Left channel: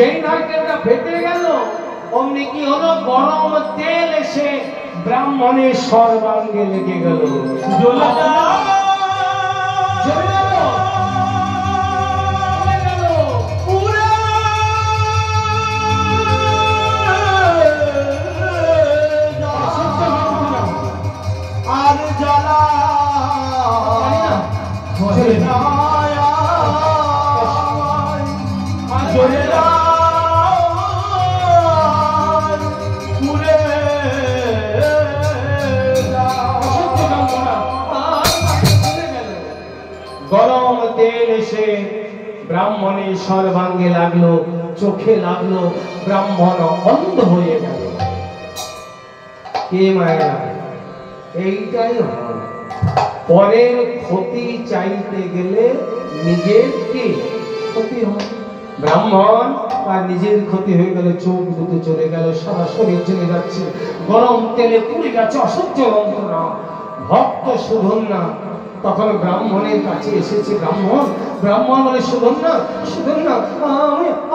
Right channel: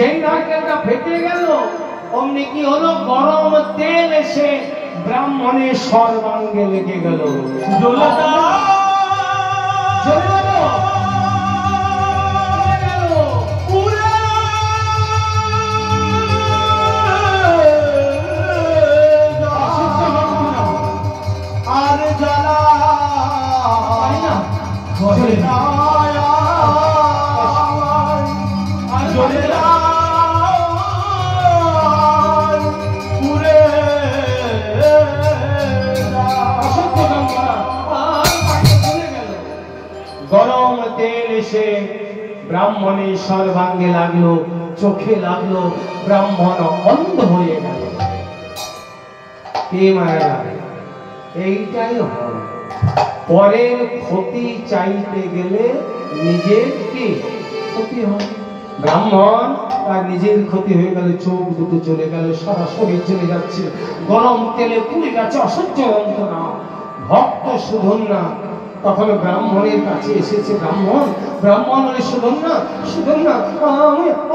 যেই নারকেলটা ফেটে গেল অমনি কি হলো, গরম তেল এসে ব্রাহ্মণের সর্বাঙ্গে লেগে গেল। আর জ্বালা গরম তেল এসে ব্রাহ্মণের সর্বাঙ্গে লাগলো, চোখে লাগলো, ব্রাহ্মণ অন্ধ হয়ে গেল। কে মায়া, এইটাই হয়। পরের ক্ষতি চাইতে গেলে নিজের কি ক্ষতি হয়। ব্রাহ্মণ আর নিজের ক্ষতি হয়ে গেল, চোখ দুটো চলে গেল, সারা শরীর চলে যাচ্ছে, গরম তেলে পুড়ে গেছে, অসহ্য যন্ত্রণা। ভক্ত সুধন্যা তখন ব্রাহ্মণের কাছে এসেছে। ব্রাহ্মণ বলে, সুধন্যা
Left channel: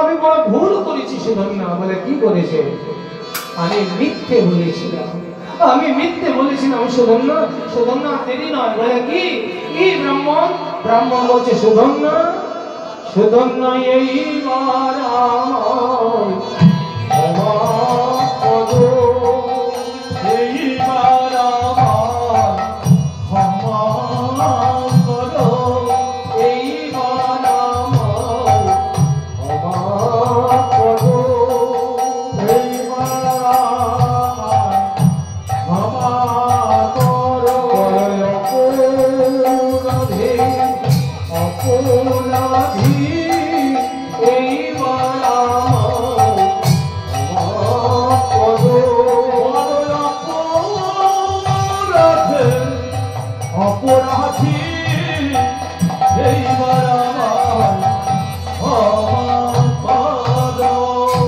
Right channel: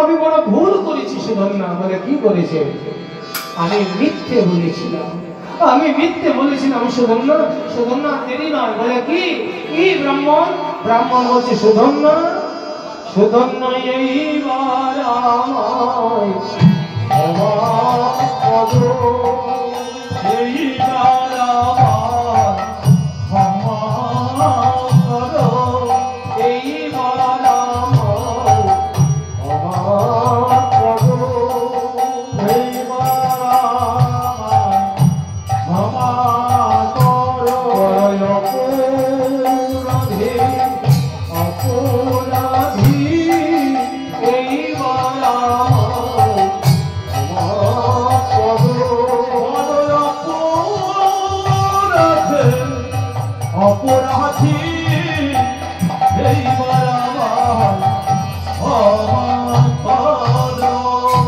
আমি বড় ভুল করেছি। সুধন্যা বলে, কি করেছে? আমি মিথ্যে বলেছিলাম। সুধন্যা দেরি নয়, বলে কি ব্রাহ্মণ বলছে, সুধন্যা এইবার আমায় ক্ষমা করো, এইবার আমায় ক্ষমা করো, এইবার আমায় ক্ষমা করো, এইবার আমায় ক্ষমা করো। অপরাধী এইবার আমায় ক্ষমা করো। অপরাধী এইবার আমায় ক্ষমা করো।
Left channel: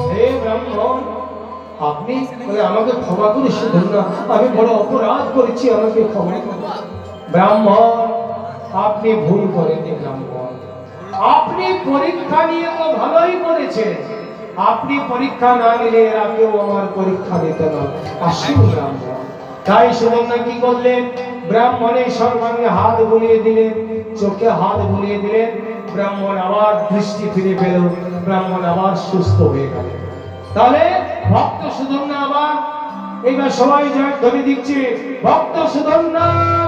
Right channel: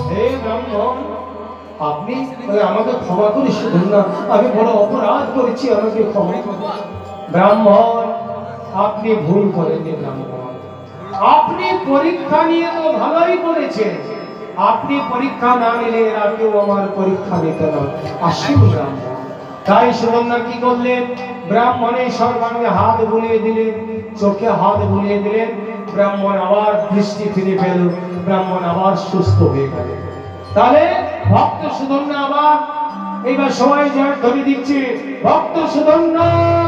হে ব্রাহ্মণ, আপনি আমাকে ক্ষমা করে শুধু না, আমি বড় অপরাধ করেছি, আমাকে ক্ষমা করুন। ব্রাহ্মণ, আপনি ভুল করেননি। ব্রাহ্মণ, আপনি পরীক্ষা নিয়ে তো ভালোই করেছেন। আপনি পরীক্ষা না নিলে এরা কেউ আমার পরীক্ষা নিত না। আসুন ব্রাহ্মণ। তাই সুধন্যা কি করলেন? ব্রাহ্মণের সর্বাঙ্গে হাত বুলিয়ে দিলেন, চোখে হাত বুলিয়ে দিলেন। ব্রাহ্মণ আবার দৃষ্টি ফিরে পেল, ব্রাহ্মণ আবার সুস্থ হয়ে গেল। তাহলে ভক্ত সুধন্যা আবার এইবার সবাই জয় ধ্বনি দিচ্ছে, ভক্ত সুধন্যা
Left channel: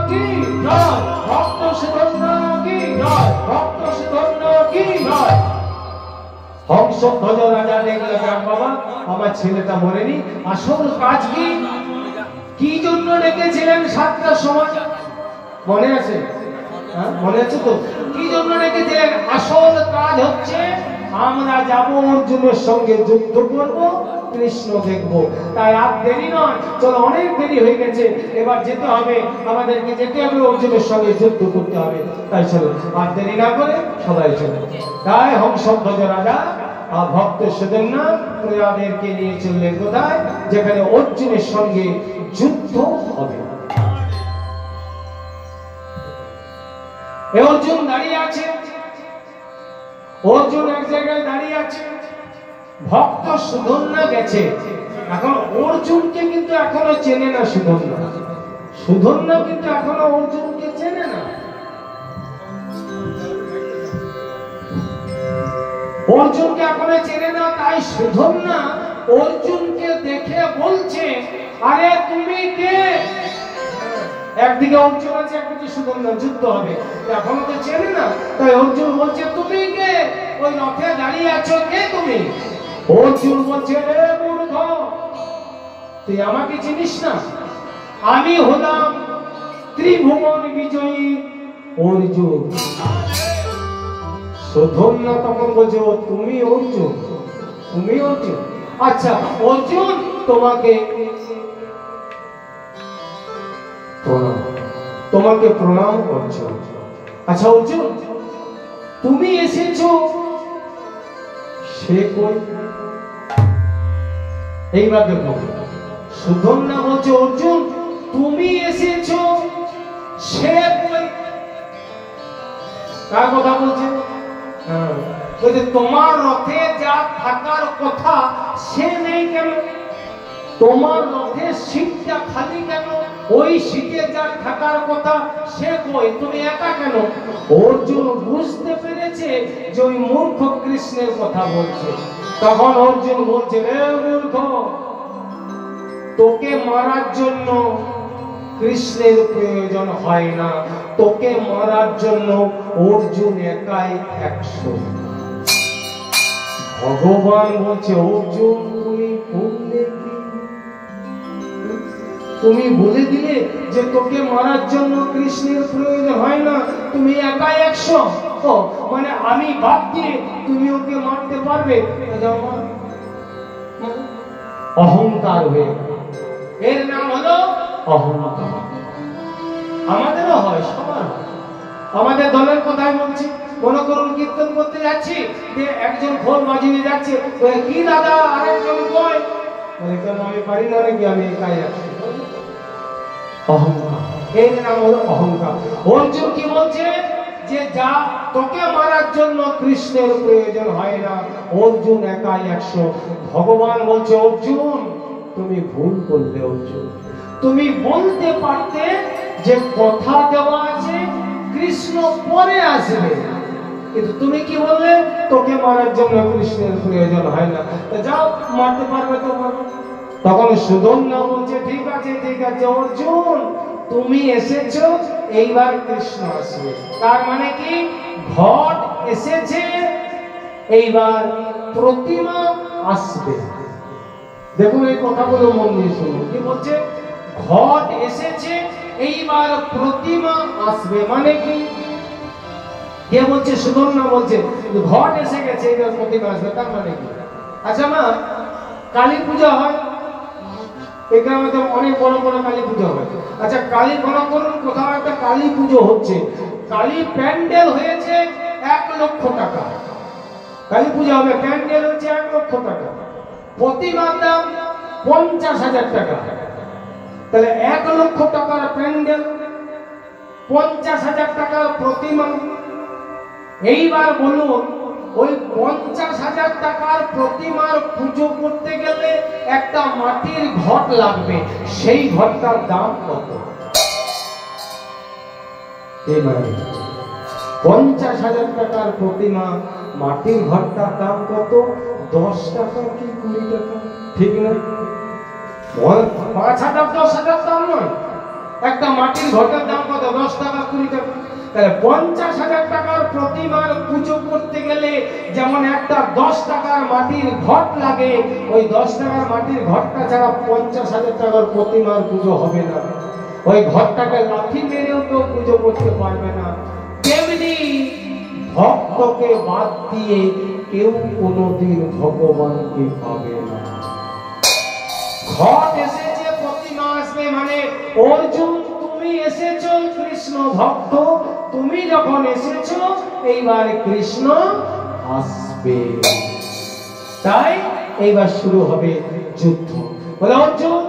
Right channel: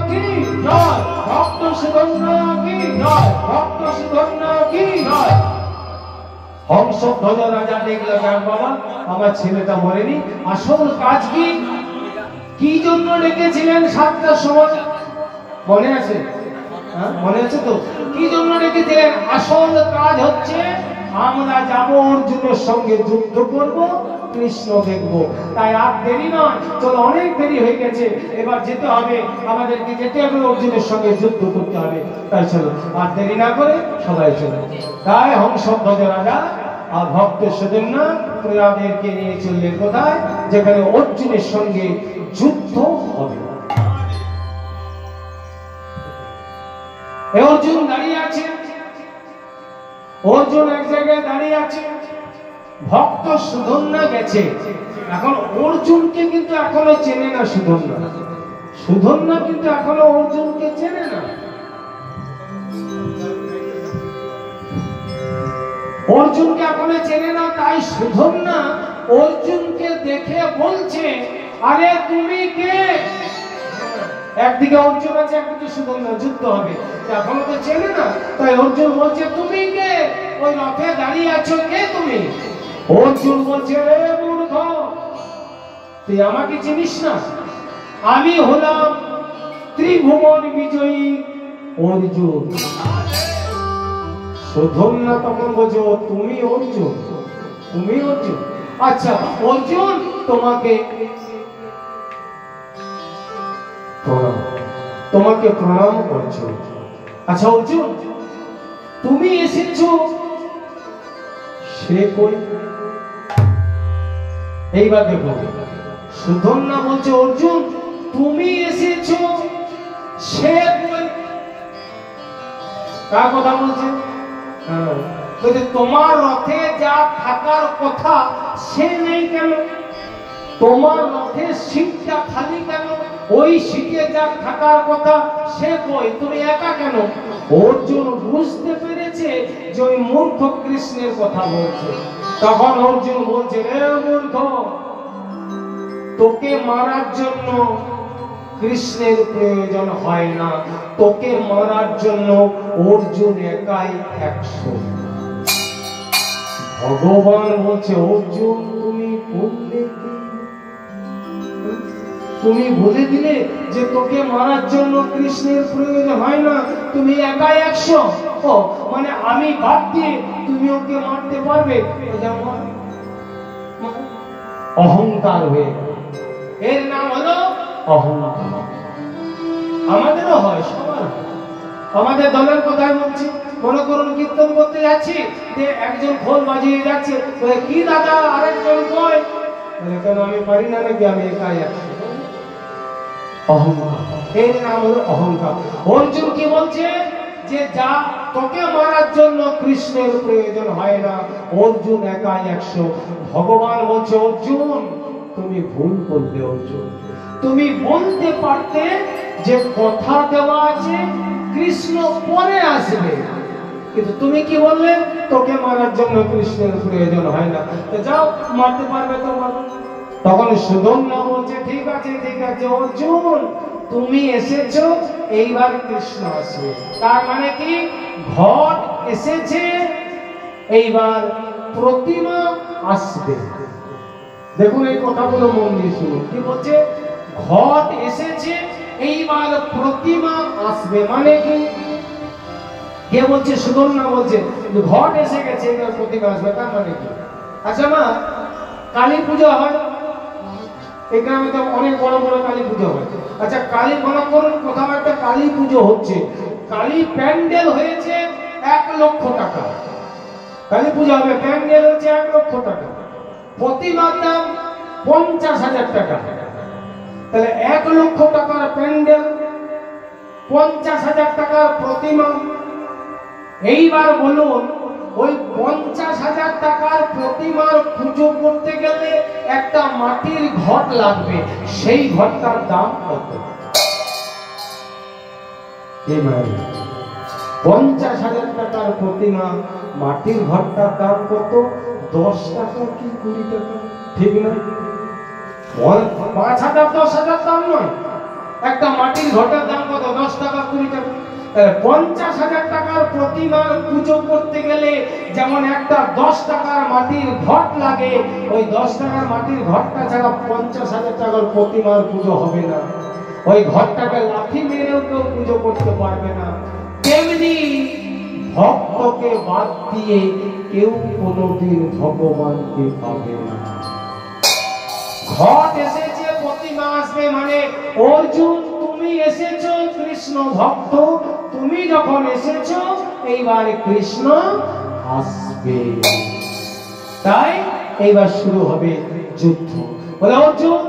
কি জয়, ভক্ত সুধন্যা কি জয়, ভক্ত সুধন্যা কি জয়। হংসধ্বজ রাজা দেখলো, বাবা আমার ছেলেটা মরেনি, আসল কাজ কি জন্য ডেকেছিলেন? 7টার সময় মনে আছে? মনে আছে তো? কি জন্য ডেকেছিলেন? আসল কাজ হচ্ছে আমরা যাবো অর্জুনের সঙ্গে যুদ্ধ করব, কৃষ্ণ দেখবো। তাই আর দেরি নয়, চলো অনেক দেরি হয়ে গেছে, এবার যেতে হবে, আমাদেরকে যেতে হবে, অর্জুনের সঙ্গে যুদ্ধ করতে হবে। তাই চলো আর দেরি না করে সবাই চলো। তাই হংসধ্বজ রাজা আর ভক্ত সুধন্যা প্রয়াদেরকে নিয়ে চললেন কোথায়? যেখানে অর্জুনের সঙ্গে যুদ্ধ হবে। অর্জুন দাঁড়িয়ে আছে, অর্জুন এক জায়গায় দাঁড়িয়ে আছে, ভক্ত সুধন্যা গেছে। এখন অর্জুনকে কিন্তু এখনো চেনে না সুধন্যা কিন্তু এখনো অর্জুনকে চেনে না। অর্জুনকে এখনো চেনে না। তাই সুধন্যা অর্জুনকে দেখে বলছে, আরে তুমি কে? একদিকে অর্জুন আছে, একদিকে সুধন্যা, যুদ্ধ হবে, এখনো তো চেনে না। তাই অর্জুন বলছে, তুমি কে? ওই রথে দাঁড়িয়ে আছো, কে তুমি? অর্জুন বলছে, রে মূর্খ, তুই আমাকে চিনিস না? আমি হলাম ত্রিভুবন বিজয়ী অর্জুন। সুধন্যা তখন বলছে, তুমি অর্জুন? তুমি অর্জুন? আচ্ছা অর্জুন, তোমাকে প্রণাম করছো। আচ্ছা অর্জুন, তুমি এসেছো, সে কই? এইবার দেখো, সুধন্যা বলছে, অর্জুন তুমি এসেছো, সে কই? কার কথা বলছে? বলছে তোমার রথে যা থাকার কথা সে নেই কেন? তোমার রথে সিটটা খালি কেন? ওই সিটে যা থাকার কথা সে কই, তুমি একা কেন? অর্জুন বুঝতে পেরেছে যে ওই মূর্খ কৃষ্ণের কথা বলছে। তখন অর্জুন বলছে, রে মূর্খ, তোকে মারার জন্য কৃষ্ণের প্রয়োজন হয় না, তোকে মারার জন্য অর্জুন একাই 100। ভগবান বলছে, অর্জুন তুমি বললে কি? তুমি বলে দিলে যে তোকে মারার জন্য কৃষ্ণের প্রয়োজন হয় না, তুমি একাই 100। ও মানে আমি বাদ দিয়ে তুমি ওকে মারতে পারবে? অহংকার হয়ে, এর নাম হলো অহংকার। আমাদেরও হয়, সবার। আমাদের দলের কথা বলছি, মনে করুন কীর্তন করতে যাচ্ছি, যে একজন খোল বাজিয়ে যাচ্ছে, কি দাদা আরেকজন কয়, কেন আমি পারি না নাকি, আমি একাই আছি? অহংকার, এর নাম হলো অহংকার। অর্জুন কি বলছে যে যা তোকে মারার জন্য কৃষ্ণের প্রয়োজন হয় না, অর্জুন একাই 100। ভগবান বলছে, অর্জুন তুমি ভুল করলে। অর্জুন তুমি বলতে পারতে যে কথা দেওয়া আছে কৃষ্ণ পরে আসবে, কিন্তু তুমি কি বললে তোকে মারার জন্য কৃষ্ণের প্রয়োজন হয় না, যাও মারতে পারবে তো মারবে। তখন সুদর্ণা বলছে, ঠিক আছে ঠিক আছে অর্জুন, তুমি এসেছো, এইবার কৃষ্ণ আসবে। তার মানে কি, ঘট এসেছে, এইবার প্রতিমা আসবে। দেখুন এই কথাগুলো মন দিয়ে শুনুন, কি বলছে, ঘট এসেছে, এইবার প্রতিমা আসবে। মানে কি, কে বলছে? সুদর্ণা বলছে ঘট এসে গেছে, এইবার প্রতিমা আসবে। তার মানে কি? আচ্ছা মা, কালী পূজা হয়, এই গ্রামে অনেক বড় বড় কালী পুজো হয়। আচ্ছা কালী, মনে করুন কোথাও একটা কালী পুজো হচ্ছে, কালী প্যান্ডেল হয়েছে 1 লক্ষ টাকা, কালী পূজা হবে, প্যান্ডেল হচ্ছে 1 লক্ষ টাকা, প্রতিমার দাম 50,000 টাকা। তাহলে 1 লক্ষ টাকার প্যান্ডেল, 50,000 টাকার প্রতিমা। এইবার বলুন, ওই 50,000 টাকার প্রতিমার পুজো করতে গেলে একটা মাটির ঘট লাগবে, সেই ঘটটার দাম কত? 50,000 টাকার প্রতিমা, মাটির ঘটটার দাম কত? 10 টাকা কি 20 টাকা? ঠিক না? 5,000 10,000 দাম নয়, একটা মাটির ঘটের দাম কত? 10 টাকা 20 টাকা। 50,000 টাকার প্রতিমার পুজো করতে গেলে যেমন একটা 10 টাকার মাটির ঘট লাগে, ওই 10 টাকার মাটির ঘটটা ছাড়া 50,000 টাকার প্রতিমার পুজো হবে না। ওই ঘটটাকে লাঠি মেরেও কেউ পুজো করতে পারবে না। তেমনি ভক্তকে বাদ দিয়ে কেউ কোনোদিন ভগবানকে পাবে না। ঘট এসেছে, প্রতিমা আসবে, মানে অর্জুন তুমি এসেছো কৃষ্ণ ভক্ত, তুমি যখন এসেছো এইবার কৃষ্ণ আসবে। তাই এইবার শুরু হবে যুদ্ধ। বলে অর্জুন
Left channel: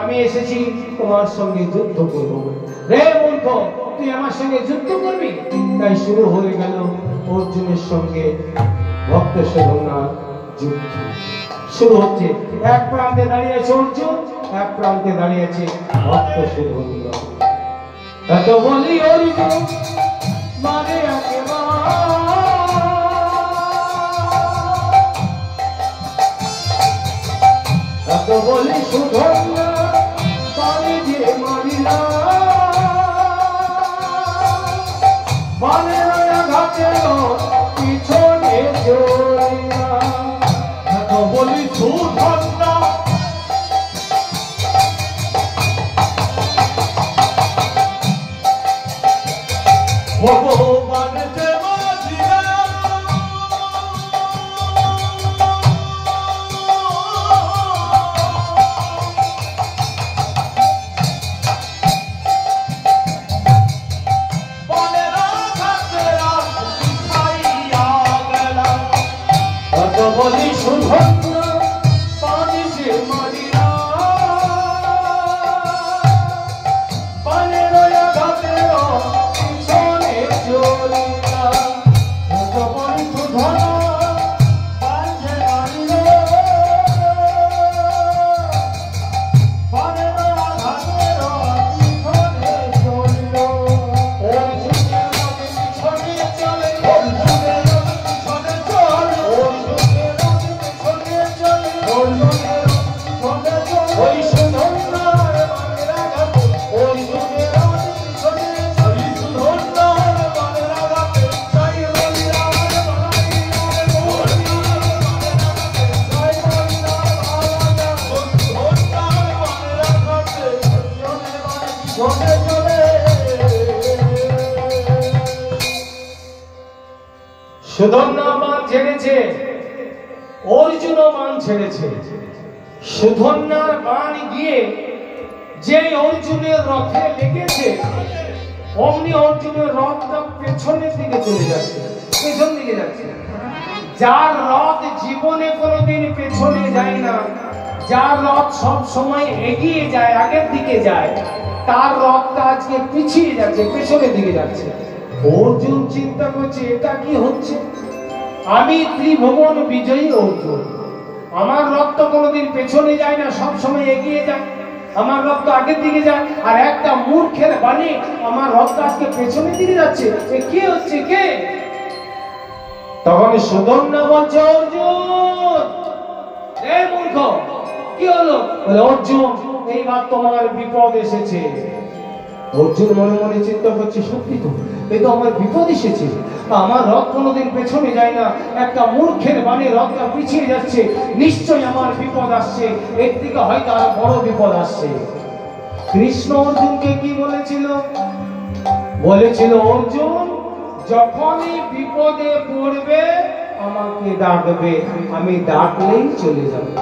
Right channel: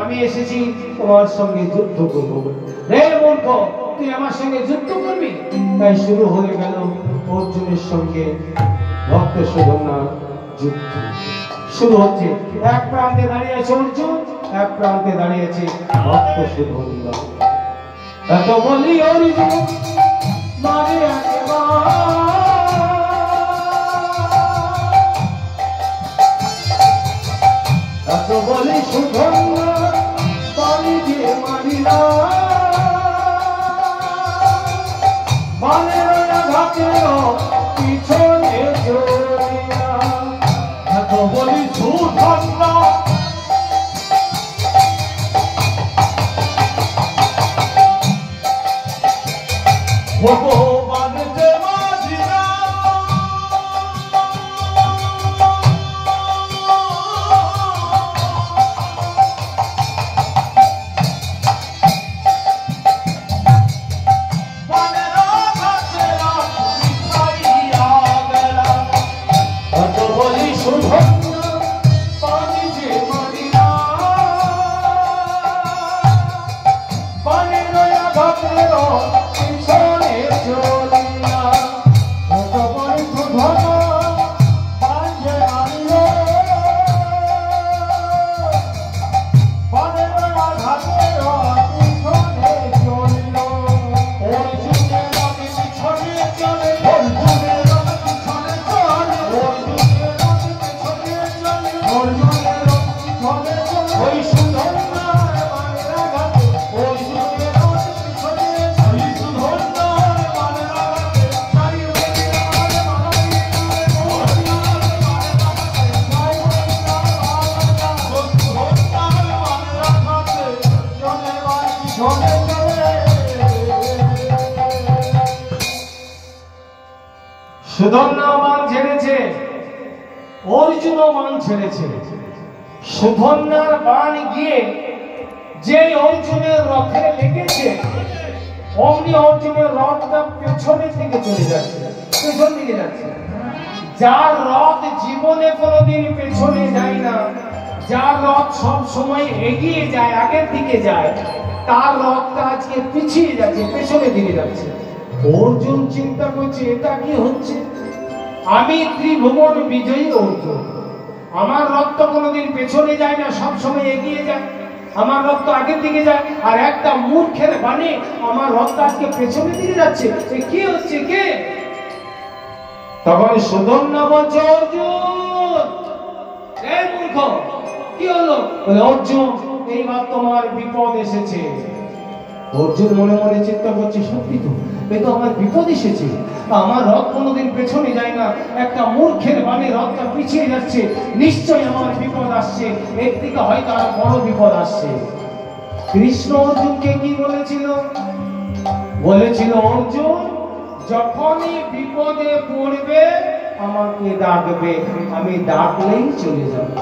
আমি এসেছি তোমার সঙ্গে যুদ্ধ করব। রে মূর্খ, তুই আমার সঙ্গে যুদ্ধ করবি? তাই শুরু হয়ে গেল অর্জুনের সঙ্গে ভক্তের সুদর্ণার যুদ্ধ। শুরু হচ্ছে, এক প্রান্তে দাঁড়িয়েছে অর্জুন, এক প্রান্তে দাঁড়িয়েছে ভক্ত সুদর্ণা। এত বলি অর্জুন মারে এত বলি সুদর্ণা পানি দিয়ে মারিলা, মানের ঘাটের পিছনে চলিয়া। এত বলি সুদর্ণা ভগবান যে মাঝিরা, মানের ঘাটের সুধন্যা বাণ ছেড়েছে, অর্জুনও বাণ ছেড়েছে। সুধন্যার বাণ গিয়ে যে অর্জুনের রথে লেগেছে, অমনি অর্জুনের রথটা পেছনের দিকে চলে যাচ্ছে, পেছন দিকে যাচ্ছে। যার রথ জীবনে কোনোদিন পেছনে যায় না, যার রথ সব সময় এগিয়ে যায়, আগের দিকে যায়, তার রথটা আজকে পিছিয়ে যাচ্ছে, পেছনের দিকে যাচ্ছে। অর্জুন চিন্তা করছে এটা কি হচ্ছে? আমি ত্রিভুবন বিজয়ী অর্জুন, আমার রথ তো কোনোদিন পেছনে যায় না, সব সময় এগিয়ে যায়, আমার রথ তো আগের দিকে যায়, আর একটা মূর্খের বাণী আমার রথটা আজকে পেছনের দিকে যাচ্ছে, কি হচ্ছে কে? তখন সুধন্যা বলছে অর্জুন, এই মূর্খ কি হলো? বলে অর্জুন এইবার তোমার বিপদ এসেছে। অর্জুন মনে মনে চিন্তা করছে সত্যি তো, এই তো আমার বিপদ এসেছে, আমার রথ কোনোদিন পেছনে যায় না, একটা মূর্খের বাণী রথটা পিছিয়ে যাচ্ছে, নিশ্চয়ই আমার বিপদ আসছে, এর থেকে হয়তো আর বড় বিপদ আসছে। কৃষ্ণ অর্জুনকে কি বলেছিল? বলেছিল অর্জুন যখনই বিপদে পড়বে আমাকে ডাকবে, আমি ডাকলেই চলে যাবে।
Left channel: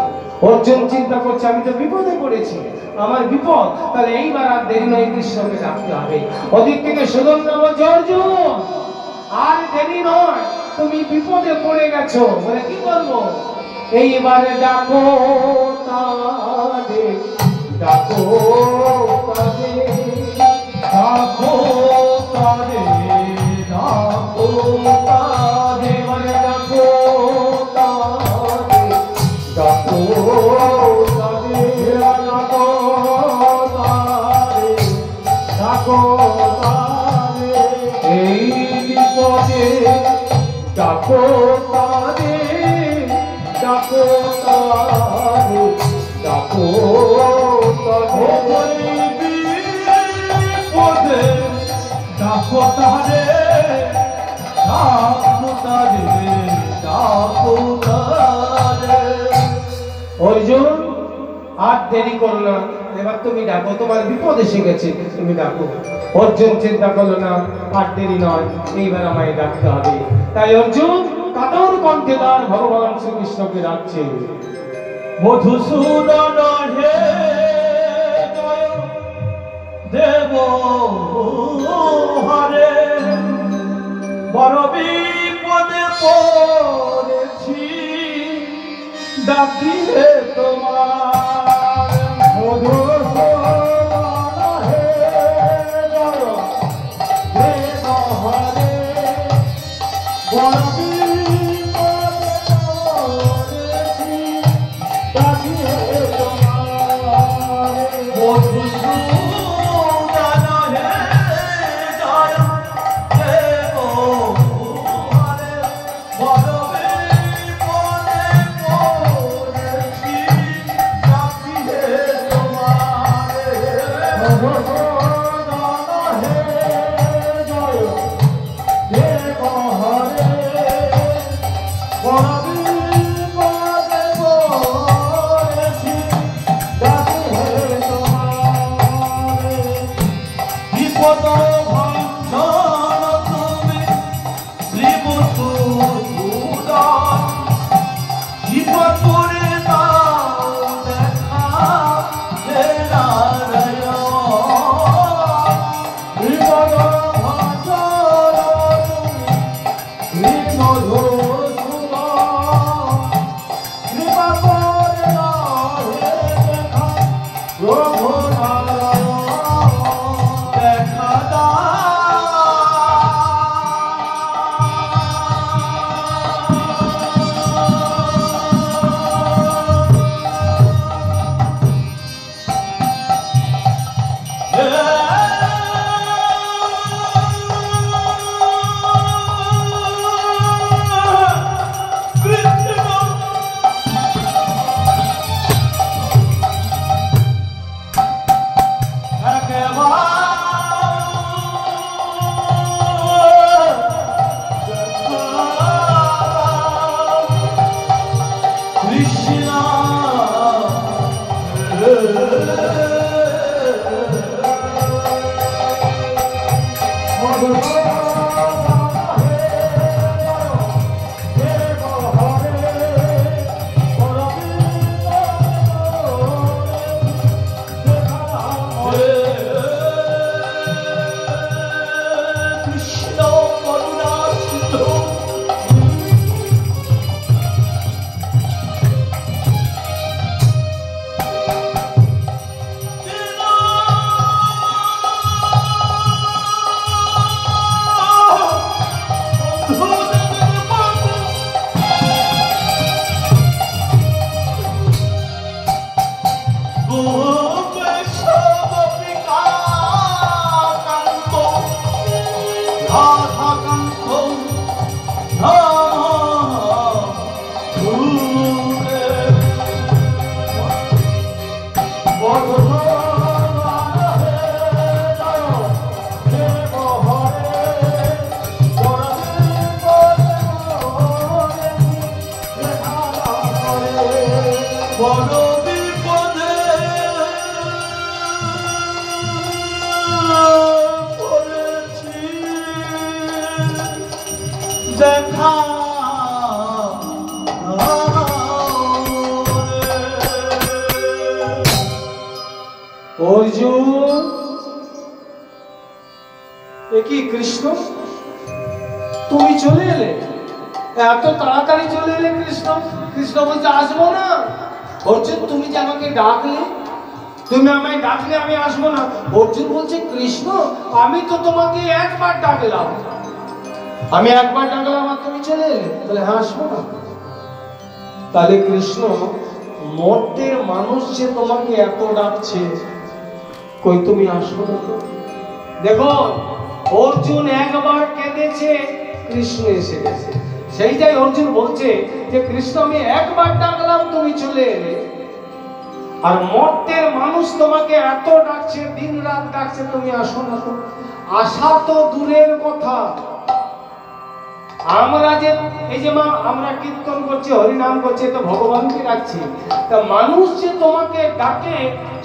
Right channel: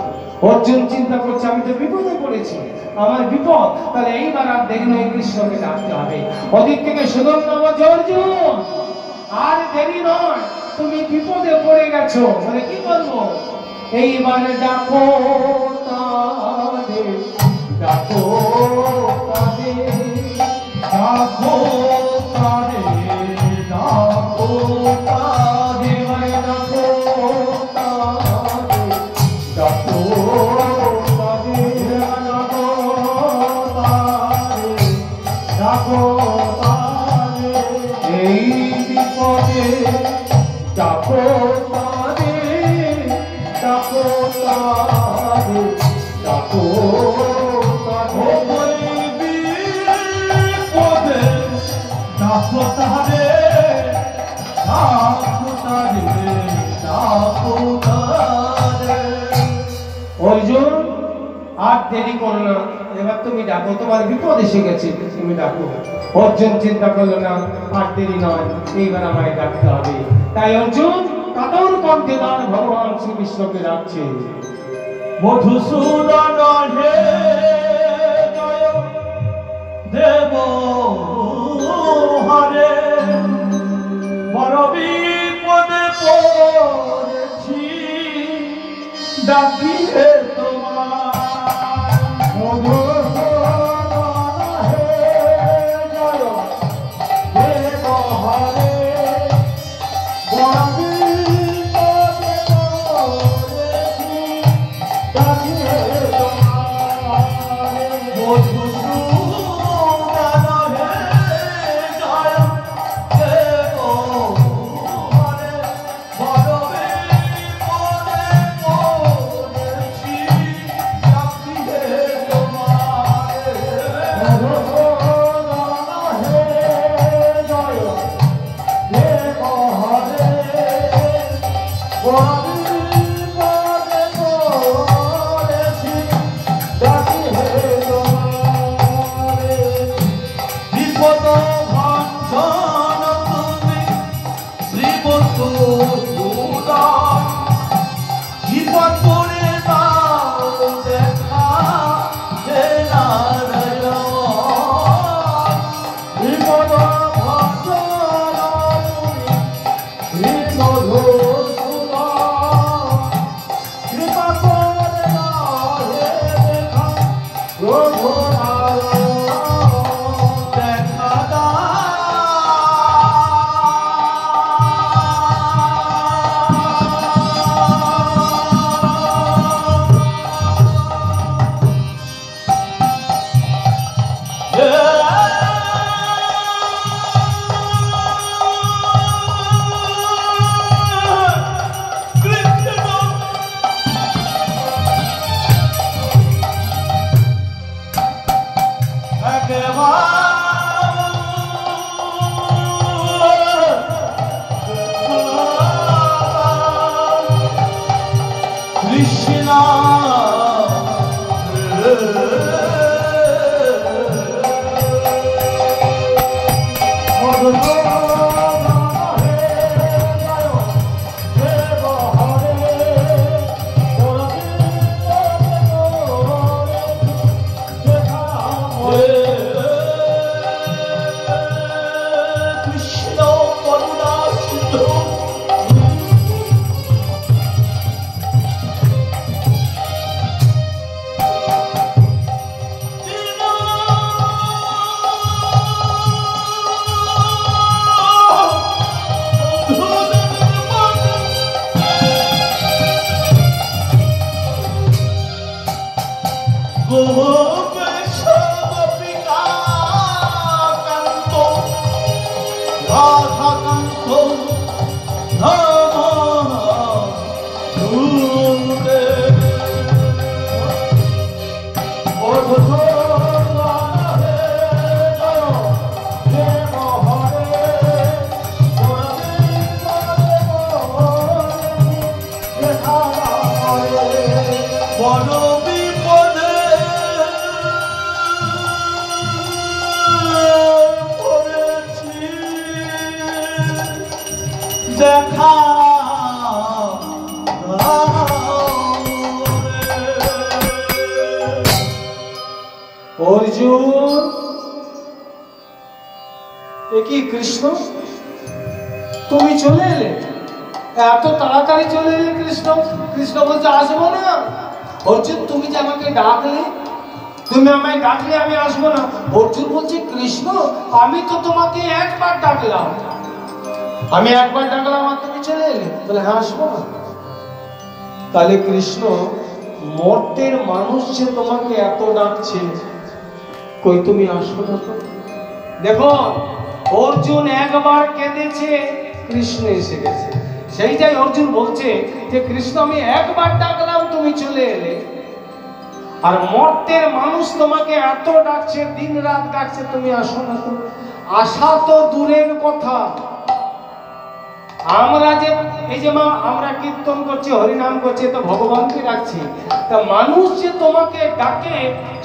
অর্জুন চিন্তা করছে আমি তো বিপদে পড়েছি, আমার বিপদ, তাহলে এইবার আর দেরি নয়, কৃষ্ণকে ডাকতে হবে। ওদিক থেকে সুধন্যা বলছে অর্জুন আর দেরি নয়, তুমি বিপদে পড়ে গেছো, বলে কি করবো? এইবারে ডাকো তাদের, ডাকো তাদের, ডাকো তাদের, ডাকো তাদের, মানে ডাকো তাদের, ডাকো তাদের, ডাকো তাদের, ডাকো তাদের, এই বিপদে ডাকো তাদের, ডাকো তাদের, ডাকো তাদের, বিপদে ডাকো তাদের, ডাকো তাদের, ডাকো তাদের। অর্জুন আর দেরি করো না, এবার তুমি ডাকো, তোমার বিপদ এসে গেছে, তুমি ডাকো। অর্জুন চিন্তা করলো না, আর দেরি নয়, এইবার আমায় ডাকতে হবে। তাই অর্জুন কাতর কণ্ঠে ভগবান শ্রীকৃষ্ণকে ডাকছে, মধুসূদন হে জয় দেব হরে, বড় বিপদে পড়েছি, ডাকি হে তোমার, মধুসূদন হে জয় দেব হরে, বড় বিপদে পড়েছি, ডাকি হে তোমার, মধুসূদন হে জয় দেব হরে, বড় বিপদে পড়েছি, ডাকি হে তোমার, মধুসূদন হে জয় দেব হরে, বড় বিপদে পড়েছি, ডাকি হে তোমার, বিপদ ভঞ্জন তুমি শ্রীবসুধূধর, বিপদ করে দাও দেখা হে নারায়ণ, বিপদ ভঞ্জন তুমি শ্রীমধুসূদন, কৃপা করে দাও হে দেখা প্রভু নারায়ণ, দেখা দাও। দেখা অর্জুন, এ কি কৃষ্ণ, তুমি চলে এলে? এত তাড়াতাড়ি চলে এলে কৃষ্ণ? কৃষ্ণ বলছে আসবো না। অর্জুন, তুমি যে আমাকে ডাকলে, তুমি আমায় ডাকলে আমি আসবো না? অর্জুন বলছে কৃষ্ণ, আমি তো তোমাকে একবার ডাকলাম, আমি একবার ডাকলাম আর তুমি চলে এলে? বলে হ্যাঁ, আসবো না। তাহলে কৃষ্ণ, মর্তের মানুষ যে তোমাকে এত ডাকছে, কই তুমি আসো না তো? দেখো, অর্জুন একবার কেঁদেছে, কৃষ্ণ এসে গেছে। সেইটাই অর্জুন বলছে যে কৃষ্ণ, আমি একবার ডাকলাম তুমি চলে এলে, আর মর্তের মানুষ তোমাকে এত ডাকছে, দিন রাত ডাকছে, তুমি আসো না তো? আসা তো দূরের কথা, আমরা যে এই যে আমরা কীর্তন করছি, হরিনাম করছি, তো ভগবানকে ডাকছি, তা মানুষ যে তোমাকে ডাকে,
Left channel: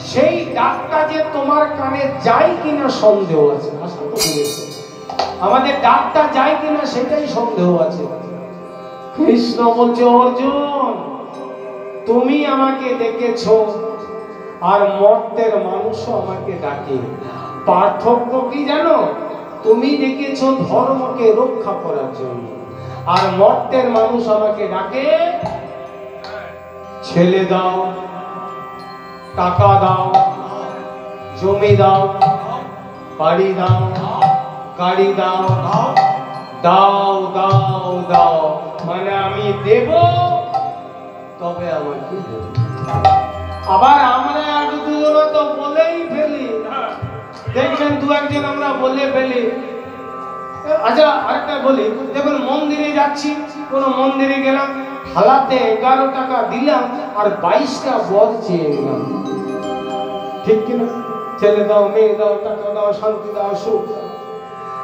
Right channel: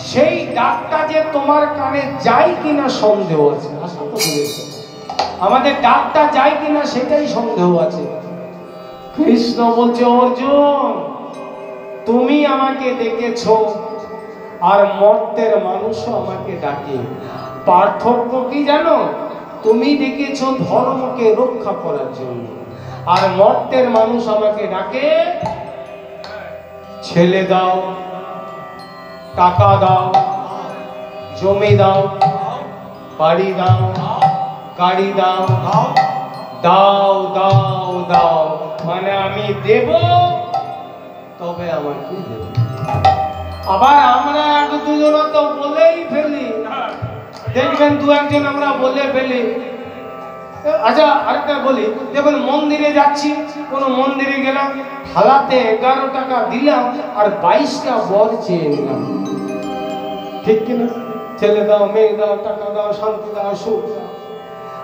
সেই ডাকটা যে তোমার কানে যায় কিনা সন্দেহ আছে। আমাদের ডাকটা যায় কিনা সেটাই সন্দেহ আছে। কৃষ্ণ বলছে অর্জুন, তুমি আমাকে ডেকেছ আর মর্তের মানুষও আমাকে ডাকে, পার্থক্য কি জানো? তুমি ডেকেছ ধর্মকে রক্ষা করার জন্য, আর মর্তের মানুষ আমাকে ডাকে ছেলে দাও, টাকা দাও, জমি দাও, বাড়ি দাও, গাড়ি দাও, দাও দাও দাও, মানে আমি দেব তবে আমাকে দেব। আবার আমরা এক দুজন তো বলেই ফেলি, দেখবেন দু একজন আমরা বলে ফেলি। আচ্ছা, আরেকটা বলি, যখন মন্দিরে যাচ্ছি, কোন মন্দিরে গেলাম, থালাতে 11 টাকা দিলাম আর 22টা বর চেয়ে নিলাম, ঠিক কিনা? ছেলে দাও, মেয়ে দাও, টাকা দাও, শান্তি দাও, সুখ দাও।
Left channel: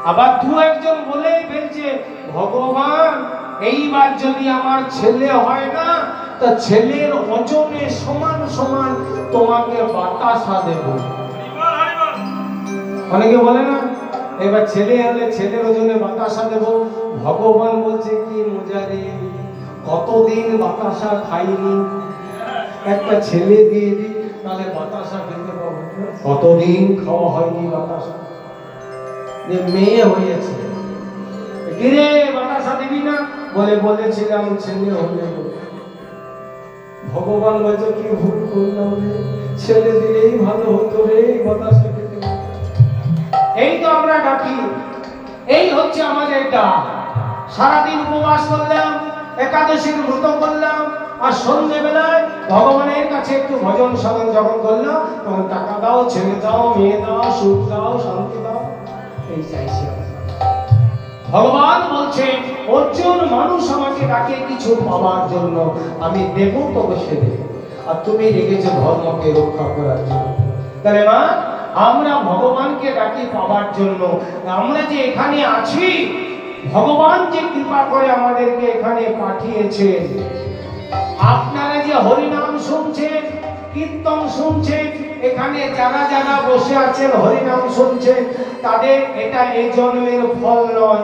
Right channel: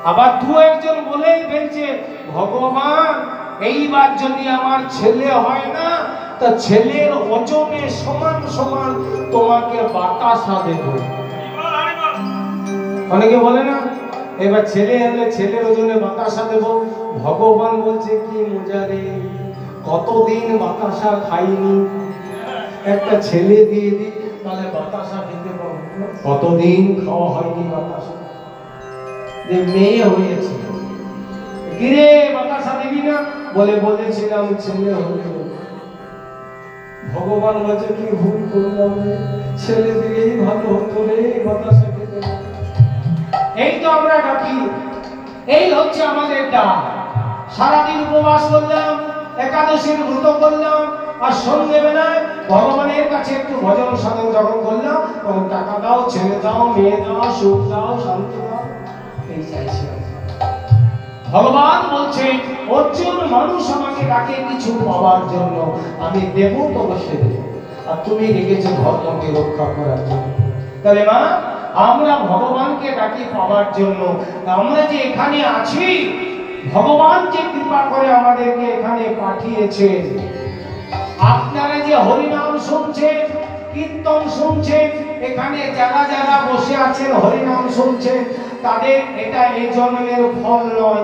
আবার দু একজন বলেই ফেলছে, ভগবান এইবার যদি আমার ছেলে হয় না, তা ছেলের ওজনে সমান সমান তোমাকে বাতাসা দেব। অনেকে বলে না, এবার ছেলে হলে ছেলের ওজনে বাতাসা দেব। ভগবান বলছে কি মজা রে, কতদিন বাতাসা খাইনি, একটা ছেলে দিয়ে দিই, তাহলে বাতাসা খেতে পারবো। কতদিন খাওয়া হয়নি বাতাসা, যে মেয়ে হয়েছে, গিরে বাতাসা দিবি না? বলে বলেছিলাম ছেলে হলে। ভগবান বলছে কি ভুল করলাম রে, ছেলে দিলেই ভালো হতো রে, বাতাসা খেতে। এই তো আমরা ডাকি, এই হচ্ছে আমাদের ডাক। সারাদিন উপবাস করলাম, একাদশীর ব্রত করলাম, আর সন্ধ্যেবেলায় ভগবানের কাছে একটু ভজন সাধন যখন করলাম, তখন টাকা দাও, ছেলে দাও, মেয়ে দাও, সুখ দাও, শান্তি দাও, এই চাইছি। ভগবান বলছে অর্জুন, মানুষ আমাকে ডাকে কিছু পাওয়ার জন্য, আমি দেব তো বসে দেব, আর তুমি রেখেছো ধর্মকে রক্ষা করার জন্য। তাহলে মা, আমরা ভগবানকে ডাকি পাওয়ার জন্য। আমরা যে এখানে আছি, ভগবান যে কৃপা করে আমাদেরকে এখানে পাঠিয়েছেন। আপনারা যে হরিনাম শুনছেন, কীর্তন শুনছেন, এখানে যারা যারা বসে আছেন হরিনাম শুনছেন, তাদের এটা এই জন্মের ফল নয়,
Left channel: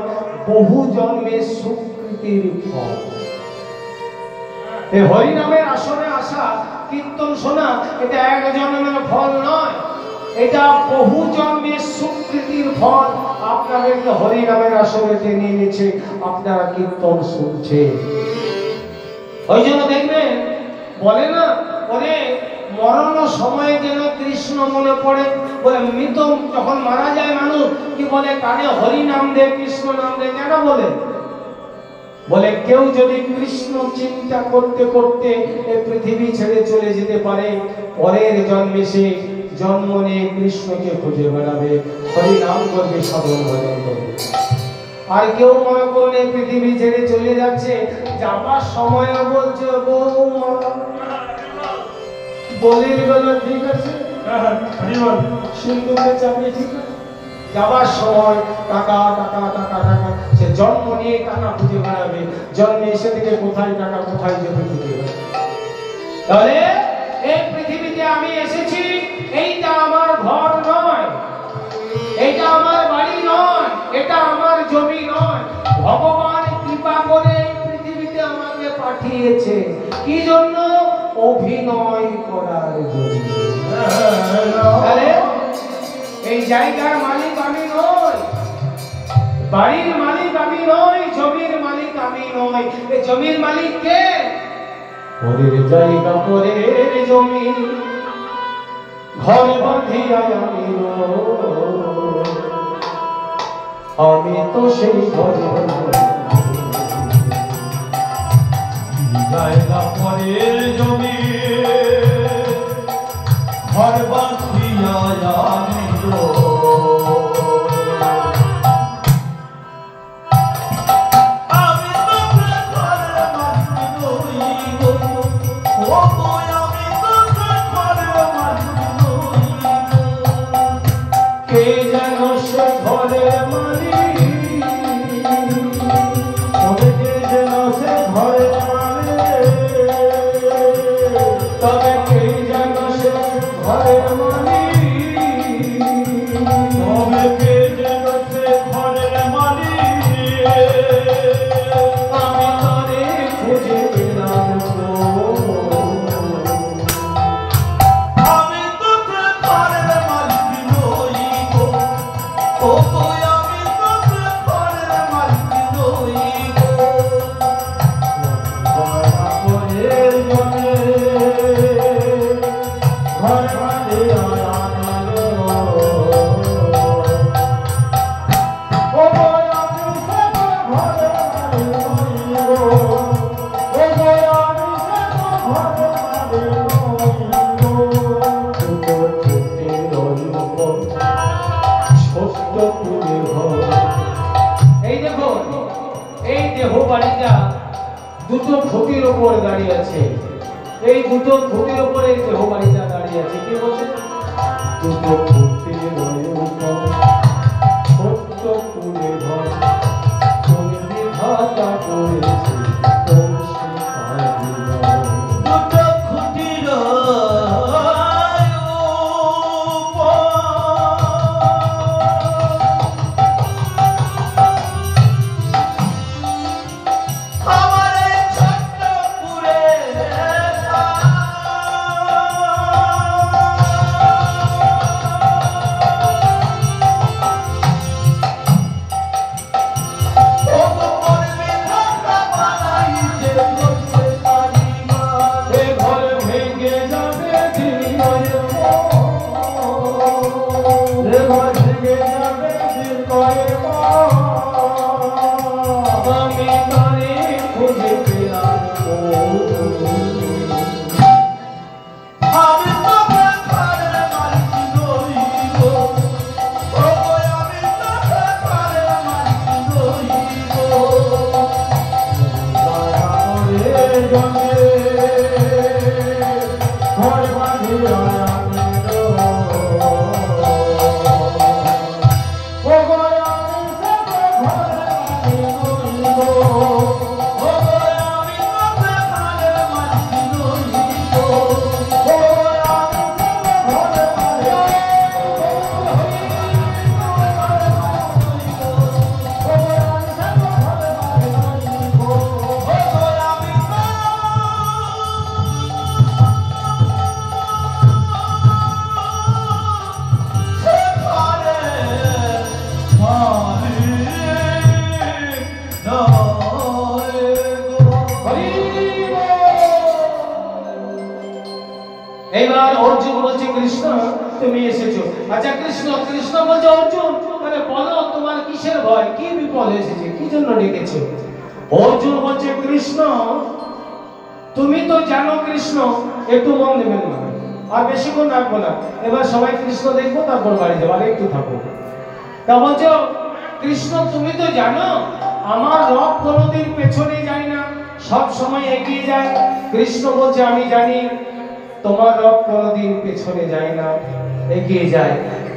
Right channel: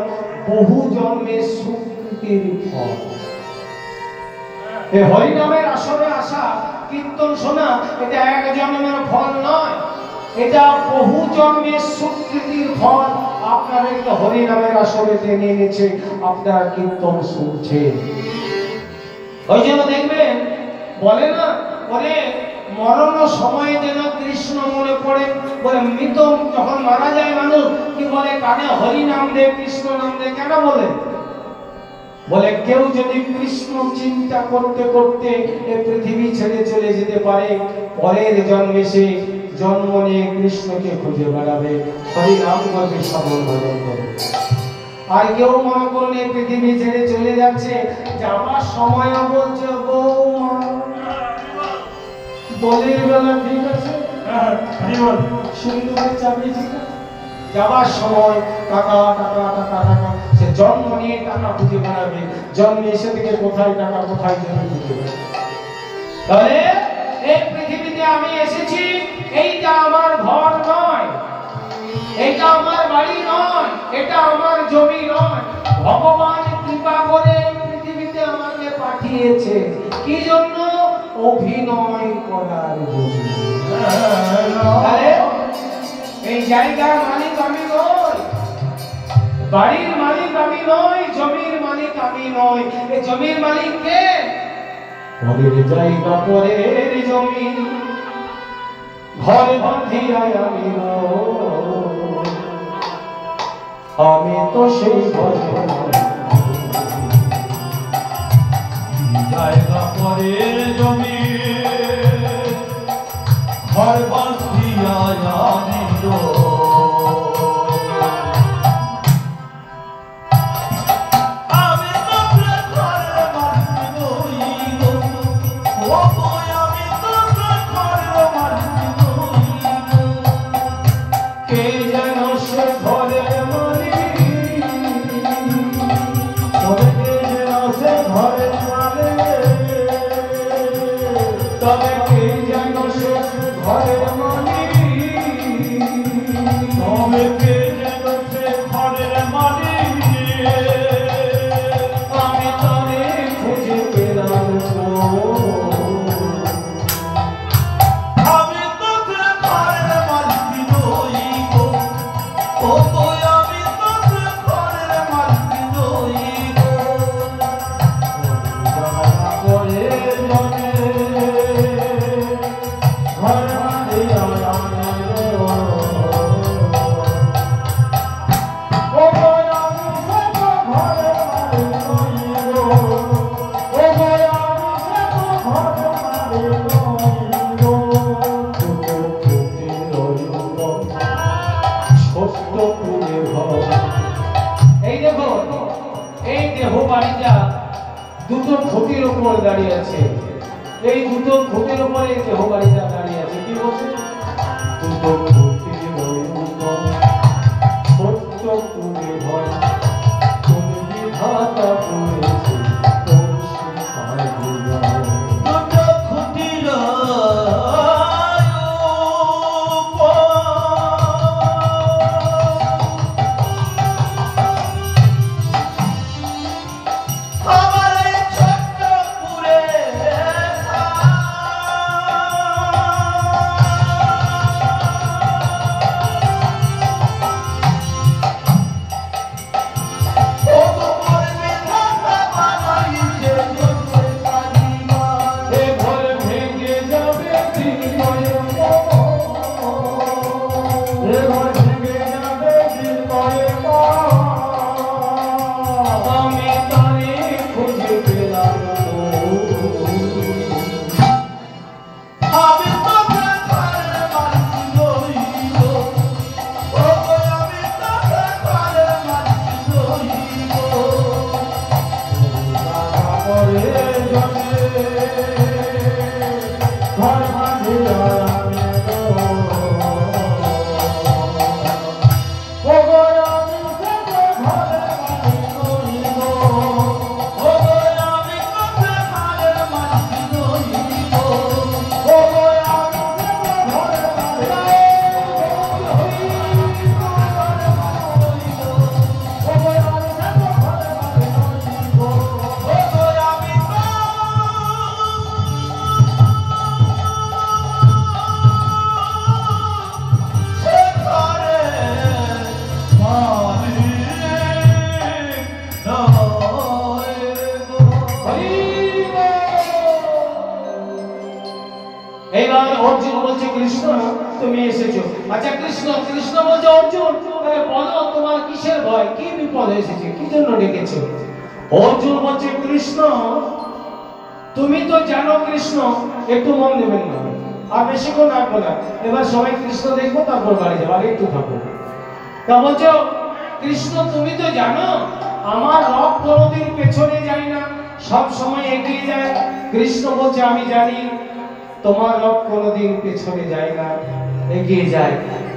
বহু জন্মের সুকৃতির ফল। এই হরিনামের আসরে আসা, কীর্তন শোনা, এটা এক জন্মের ফল নয়, এটা বহু জন্মের সুকৃতির ফল। আপনাদেরকে হরিনামের আসরে টেনে নিয়েছে, আপনারা কীর্তন শুনছেন। ওই জন্য দেখবেন বলে না, বলে মরণ সময়ে যেন কৃষ্ণ মনে পড়ে। বলে মৃত যখন মারা যায় মানুষ, কি বলে কানে হরি নাম দে, কৃষ্ণ নাম দে, কেন বলে? বলে কেউ যদি কৃষ্ণ চিন্তা করতে করতে এই পৃথিবী ছেড়ে চলে যেতে পারে, পরের জন্মে সে জন্ম নিয়ে কৃষ্ণকে খুঁজে বেড়াবে, হরি নাম করবে, সাধন ভজন করবে। আর কেউ মনে করলে পৃথিবী ছেড়ে চলে যাচ্ছে, যাবার সময় বলছে বৌমা বলির গলা ঠিক আছে, সিন্ধুকে চাবি ঠিক আছে, যাবার সময় টাকা টাকা টাকা টাকা, সে জন্ম নিয়ে টাকা খুঁজে বেড়াবে, জন্মে এসে থেকে কোথায় টাকা, কোথায় জমি খুঁজে বেড়াবে। তাহলে এই পৃথিবীতে আমি এসেছি, এইটা আমার ঘর নয়, এটা আমার বাড়ি নয়, এটা আমার জমি নয়। ভগবান কৃপা পাঠিয়েছে কি জন্য? অভিনয় করার জন্য। তাহলে এই জায়গার মালিক আমি নই, বাড়ির মালিক আমি নই, জমির মালিক আমি নই। এই জমির মালিক কে? পরের জায়গা পরের জমি, ঘর বাঁধিয়া আমি নই, আমি তো সেই ঘরে জায়গা পরের জমি, ঘর বাঁধিয়া আমি দুটো খুঁটির উপর দাঁড়িয়ে আছে। এই দুটো খুঁটির উপরে দেহ বাড়িটা দাঁড়িয়ে আছে। কি বলছে? দুটো খুঁটির উপর ছোট্ট কুড়ে ঘর, কোন বিধাতা করেছে অর্জুন বলছে কৃষ্ণ তুমি এসেছো। আচ্ছা কৃষ্ণ কৃষ্ণ বলছে অর্জুন তাহলে বলো তোমার কিসের ভয়, কি বিপদ এসেছে, কি জন্য ডেকেছো? অর্জুন বলছে কৃষ্ণ তুমি তো জানো কৃষ্ণ, একটু মন দেবেন না আর বেশিক্ষণ রাখবো না, এবার সবাই কৃষ্ণ দেখবো তারপর বাড়ি যাবো, আর একটু থাকবো। তা বলছো কৃষ্ণ তুমি তো জানো আমার রথ কোনোদিন পেছনে যায় না, সব সময় এগিয়ে যায়। কৃষ্ণ বলছে আমি জানি তোমার রথ কোনোদিন পেছনে যায় না, এগিয়ে যায়।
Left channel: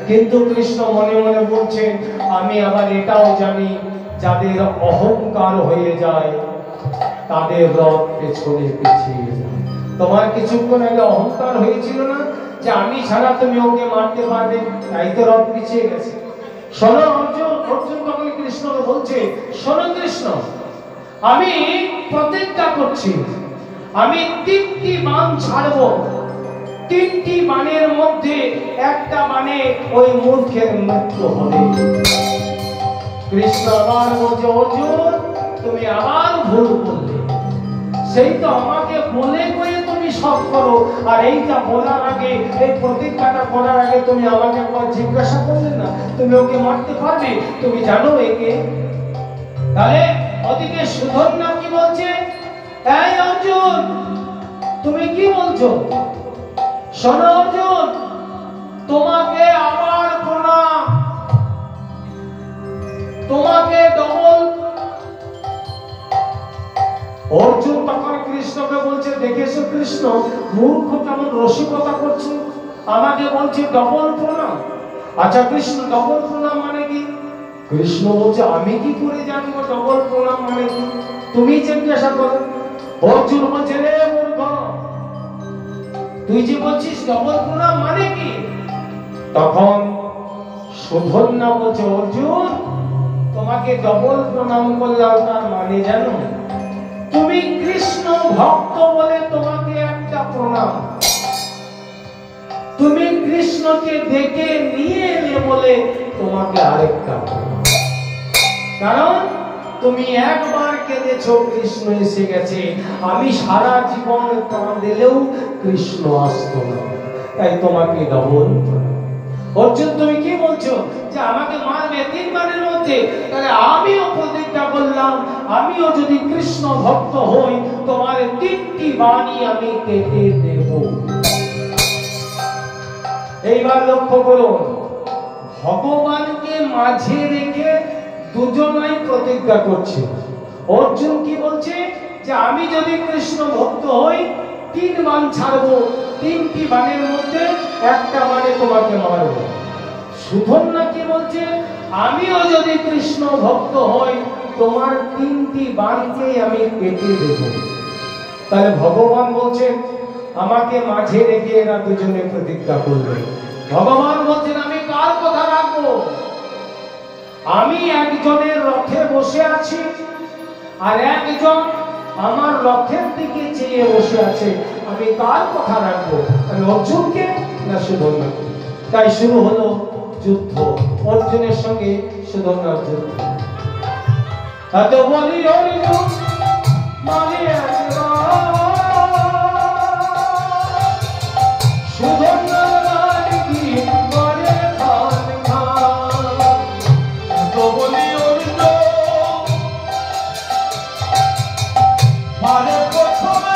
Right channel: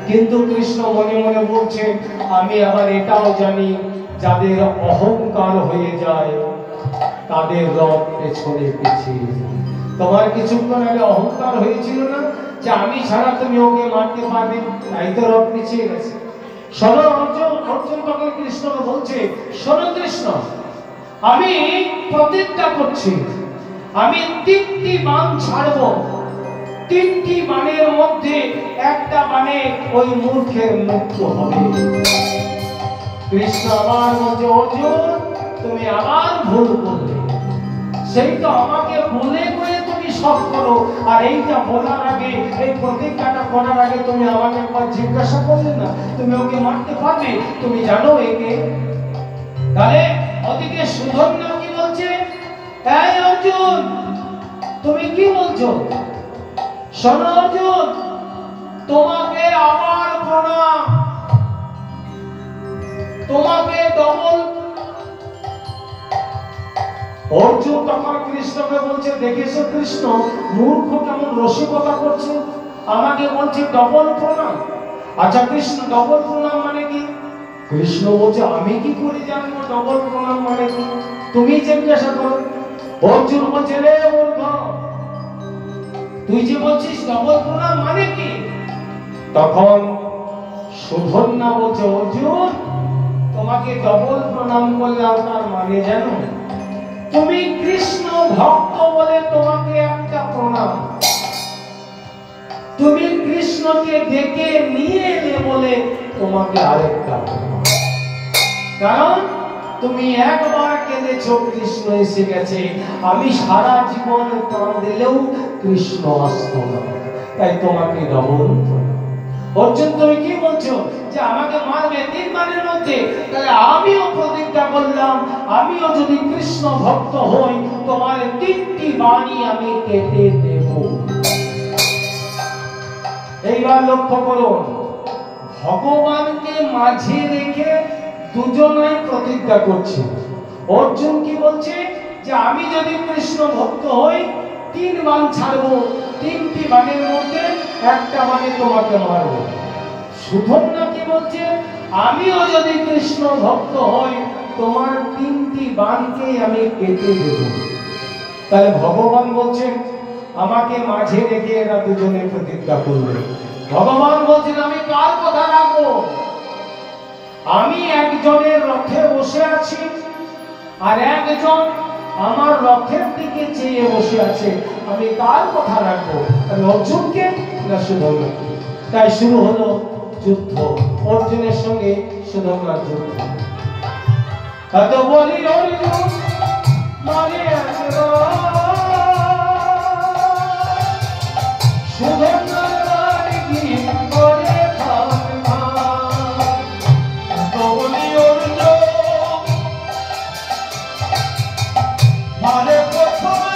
কিন্তু কৃষ্ণ মনে মনে বলছে আমি আবার এটাও জানি যাদের অহংকার হয়ে যায় তাদের রথ পেছনে পিছিয়ে যায়। তোমার কিছুক্ষণ আগে অহংকার হয়েছিল না যে আমি ছাড়া তুমি ওকে মারতে পারবে, তাই তো রথ পিছিয়ে গেছে। শোনো অর্জুন, অর্জুন তখন কৃষ্ণ বলছে শোনো কৃষ্ণ আমি প্রতিজ্ঞা করছি আমি 3টি বাণ ছাড়বো, 3টি বাণের মধ্যে একটা বাণে ওই মূর্খের মৃত্যু হবে। কৃষ্ণ আবার বলছে, অর্জুন তুমি আবার ভুল করলে, সেই তো আমাকে বলে কয়ে তুমি সব করো, আর এইটা বলার আগে, এই প্রতিজ্ঞাটা করার আগে তুমি আমাকে একবার জিজ্ঞাসা করলে না তুমি ওকে মারতে পারবে? তুমি জানো একে? তাহলে ওদিকে সুধন্যা কি বলছে, এই অর্জুন তুমি কি বলছো? শোনো অর্জুন, তোমাকে আবার প্রণাম, তোমাকে ডবল। অর্জুন তখন কৃষ্ণকে বলছে, দেখেছো কৃষ্ণ মূর্খ কেমন রসিকতা করছে, আমাকে বলছে ডবল প্রণাম। আচ্ছা কৃষ্ণ ডবল প্রণাম মানে কি? কৃষ্ণ বলছে আমি কি করে জানবো ডবল প্রণাম মানে কি, তুমি জিজ্ঞাসা করো। অর্জুন বলছে, রে মূর্খ, তুই যে বলছিস ডবল প্রণাম মানে কি? তখন সুধন্যা বলছে, অর্জুন তোমাকে ডবল প্রণাম করলাম তার মানে জানো? তুমি কৃষ্ণ ভক্ত বলে তোমাকে একটা প্রণাম, তুমি কৃষ্ণকে ডেকে নিয়ে এলে বলে তোমাকে আরেকটা প্রণাম। কারণ তুমি একবার কেঁদেছো কৃষ্ণ এসে গেছে, আমি সারা জীবন প্রাণ দিলেও কৃষ্ণ আসতো না, তাই তোমাকে ডবল। অর্জুন তুমি কি বলছো যে আমাকে মারবে 3 বাণের মধ্যে? তাহলে আমিও প্রতিজ্ঞা করলাম, আমিও যদি কৃষ্ণ ভক্ত হই তোমার 3টি বাণী আমি কেটে দেব। এইবার লক্ষ্য করুন, ভগবানকে মাঝে রেখে দুজনাই প্রতিজ্ঞা করছে। অর্জুন কি বলছে যে আমি যদি কৃষ্ণ ভক্ত হই 3 বাণ ছাড়বো, 3টি বাণের মধ্যে একটা বাণে তোমাকে মারবো। সুধন্যা কি বলছে, আমিও যদি কৃষ্ণ ভক্ত হই তোমার 3টি বাণকে আমি কেটে দেব। তাহলে ভগবান বলছেন আমাকে মাঝে রেখে এরা দুজনে প্রতিজ্ঞা করবে। ভগবান বলছেন আমি কার কথা রাখবো? আমি একজনের রথে বসে আছি আর একজন আমার রথের দিকে চেয়ে বসে আছে, আমি কার কথা রাখবো? আমি অর্জুনকে না সুধন্যাকে? তাই শুরু হলো যুদ্ধ, অর্জুনের সঙ্গে সুধন্যার যুদ্ধ। এত বলি অর্জুন মানে সুধন্যার বাড়ি কি করে খান খান। এত বলি অর্জুন মারে প্রথমে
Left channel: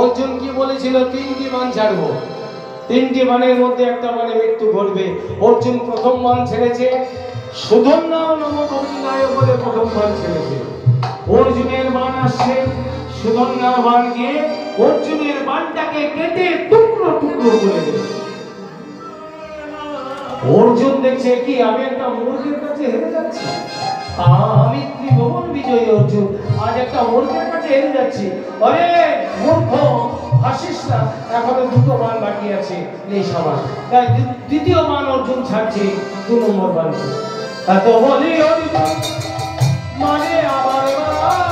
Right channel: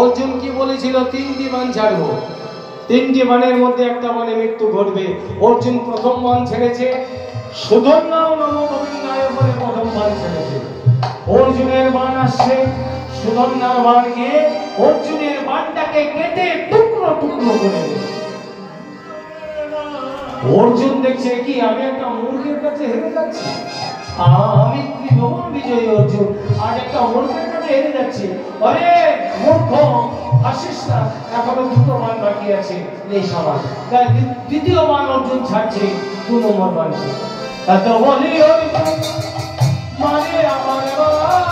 অর্জুন কি বলেছিল 3টি বাণ ছাড়বো, 3টি বাণের মধ্যে একটা বাণে মৃত্যু ঘটবে। অর্জুন প্রথম বাণ ছেড়েছে, সুধন্যাও নম গোবিন্দায় বলে প্রথম বাণ ছেড়েছে। অর্জুনের বাণ আসছে, সুধন্যার বাণ গিয়ে অর্জুনের বাণটাকে কেটে টুকরো টুকরো করে দেবে। অর্জুন দেখছে কি আমি একটা মূর্খের কাছে হেরে যাচ্ছি, আমি ত্রিভুবন বিজয়ী অর্জুন আজ একটা মূর্খের কাছে হেরে যাচ্ছি। আরে মূর্খ হাসিস না, এখনো 2টো বাণ বাকি আছে, এই সবার। তাই দ্বিতীয় বাণ অর্জুন ছাড়ছে, 2 নম্বর বাণ। এত বলি অর্জুন মানে আমার বাণ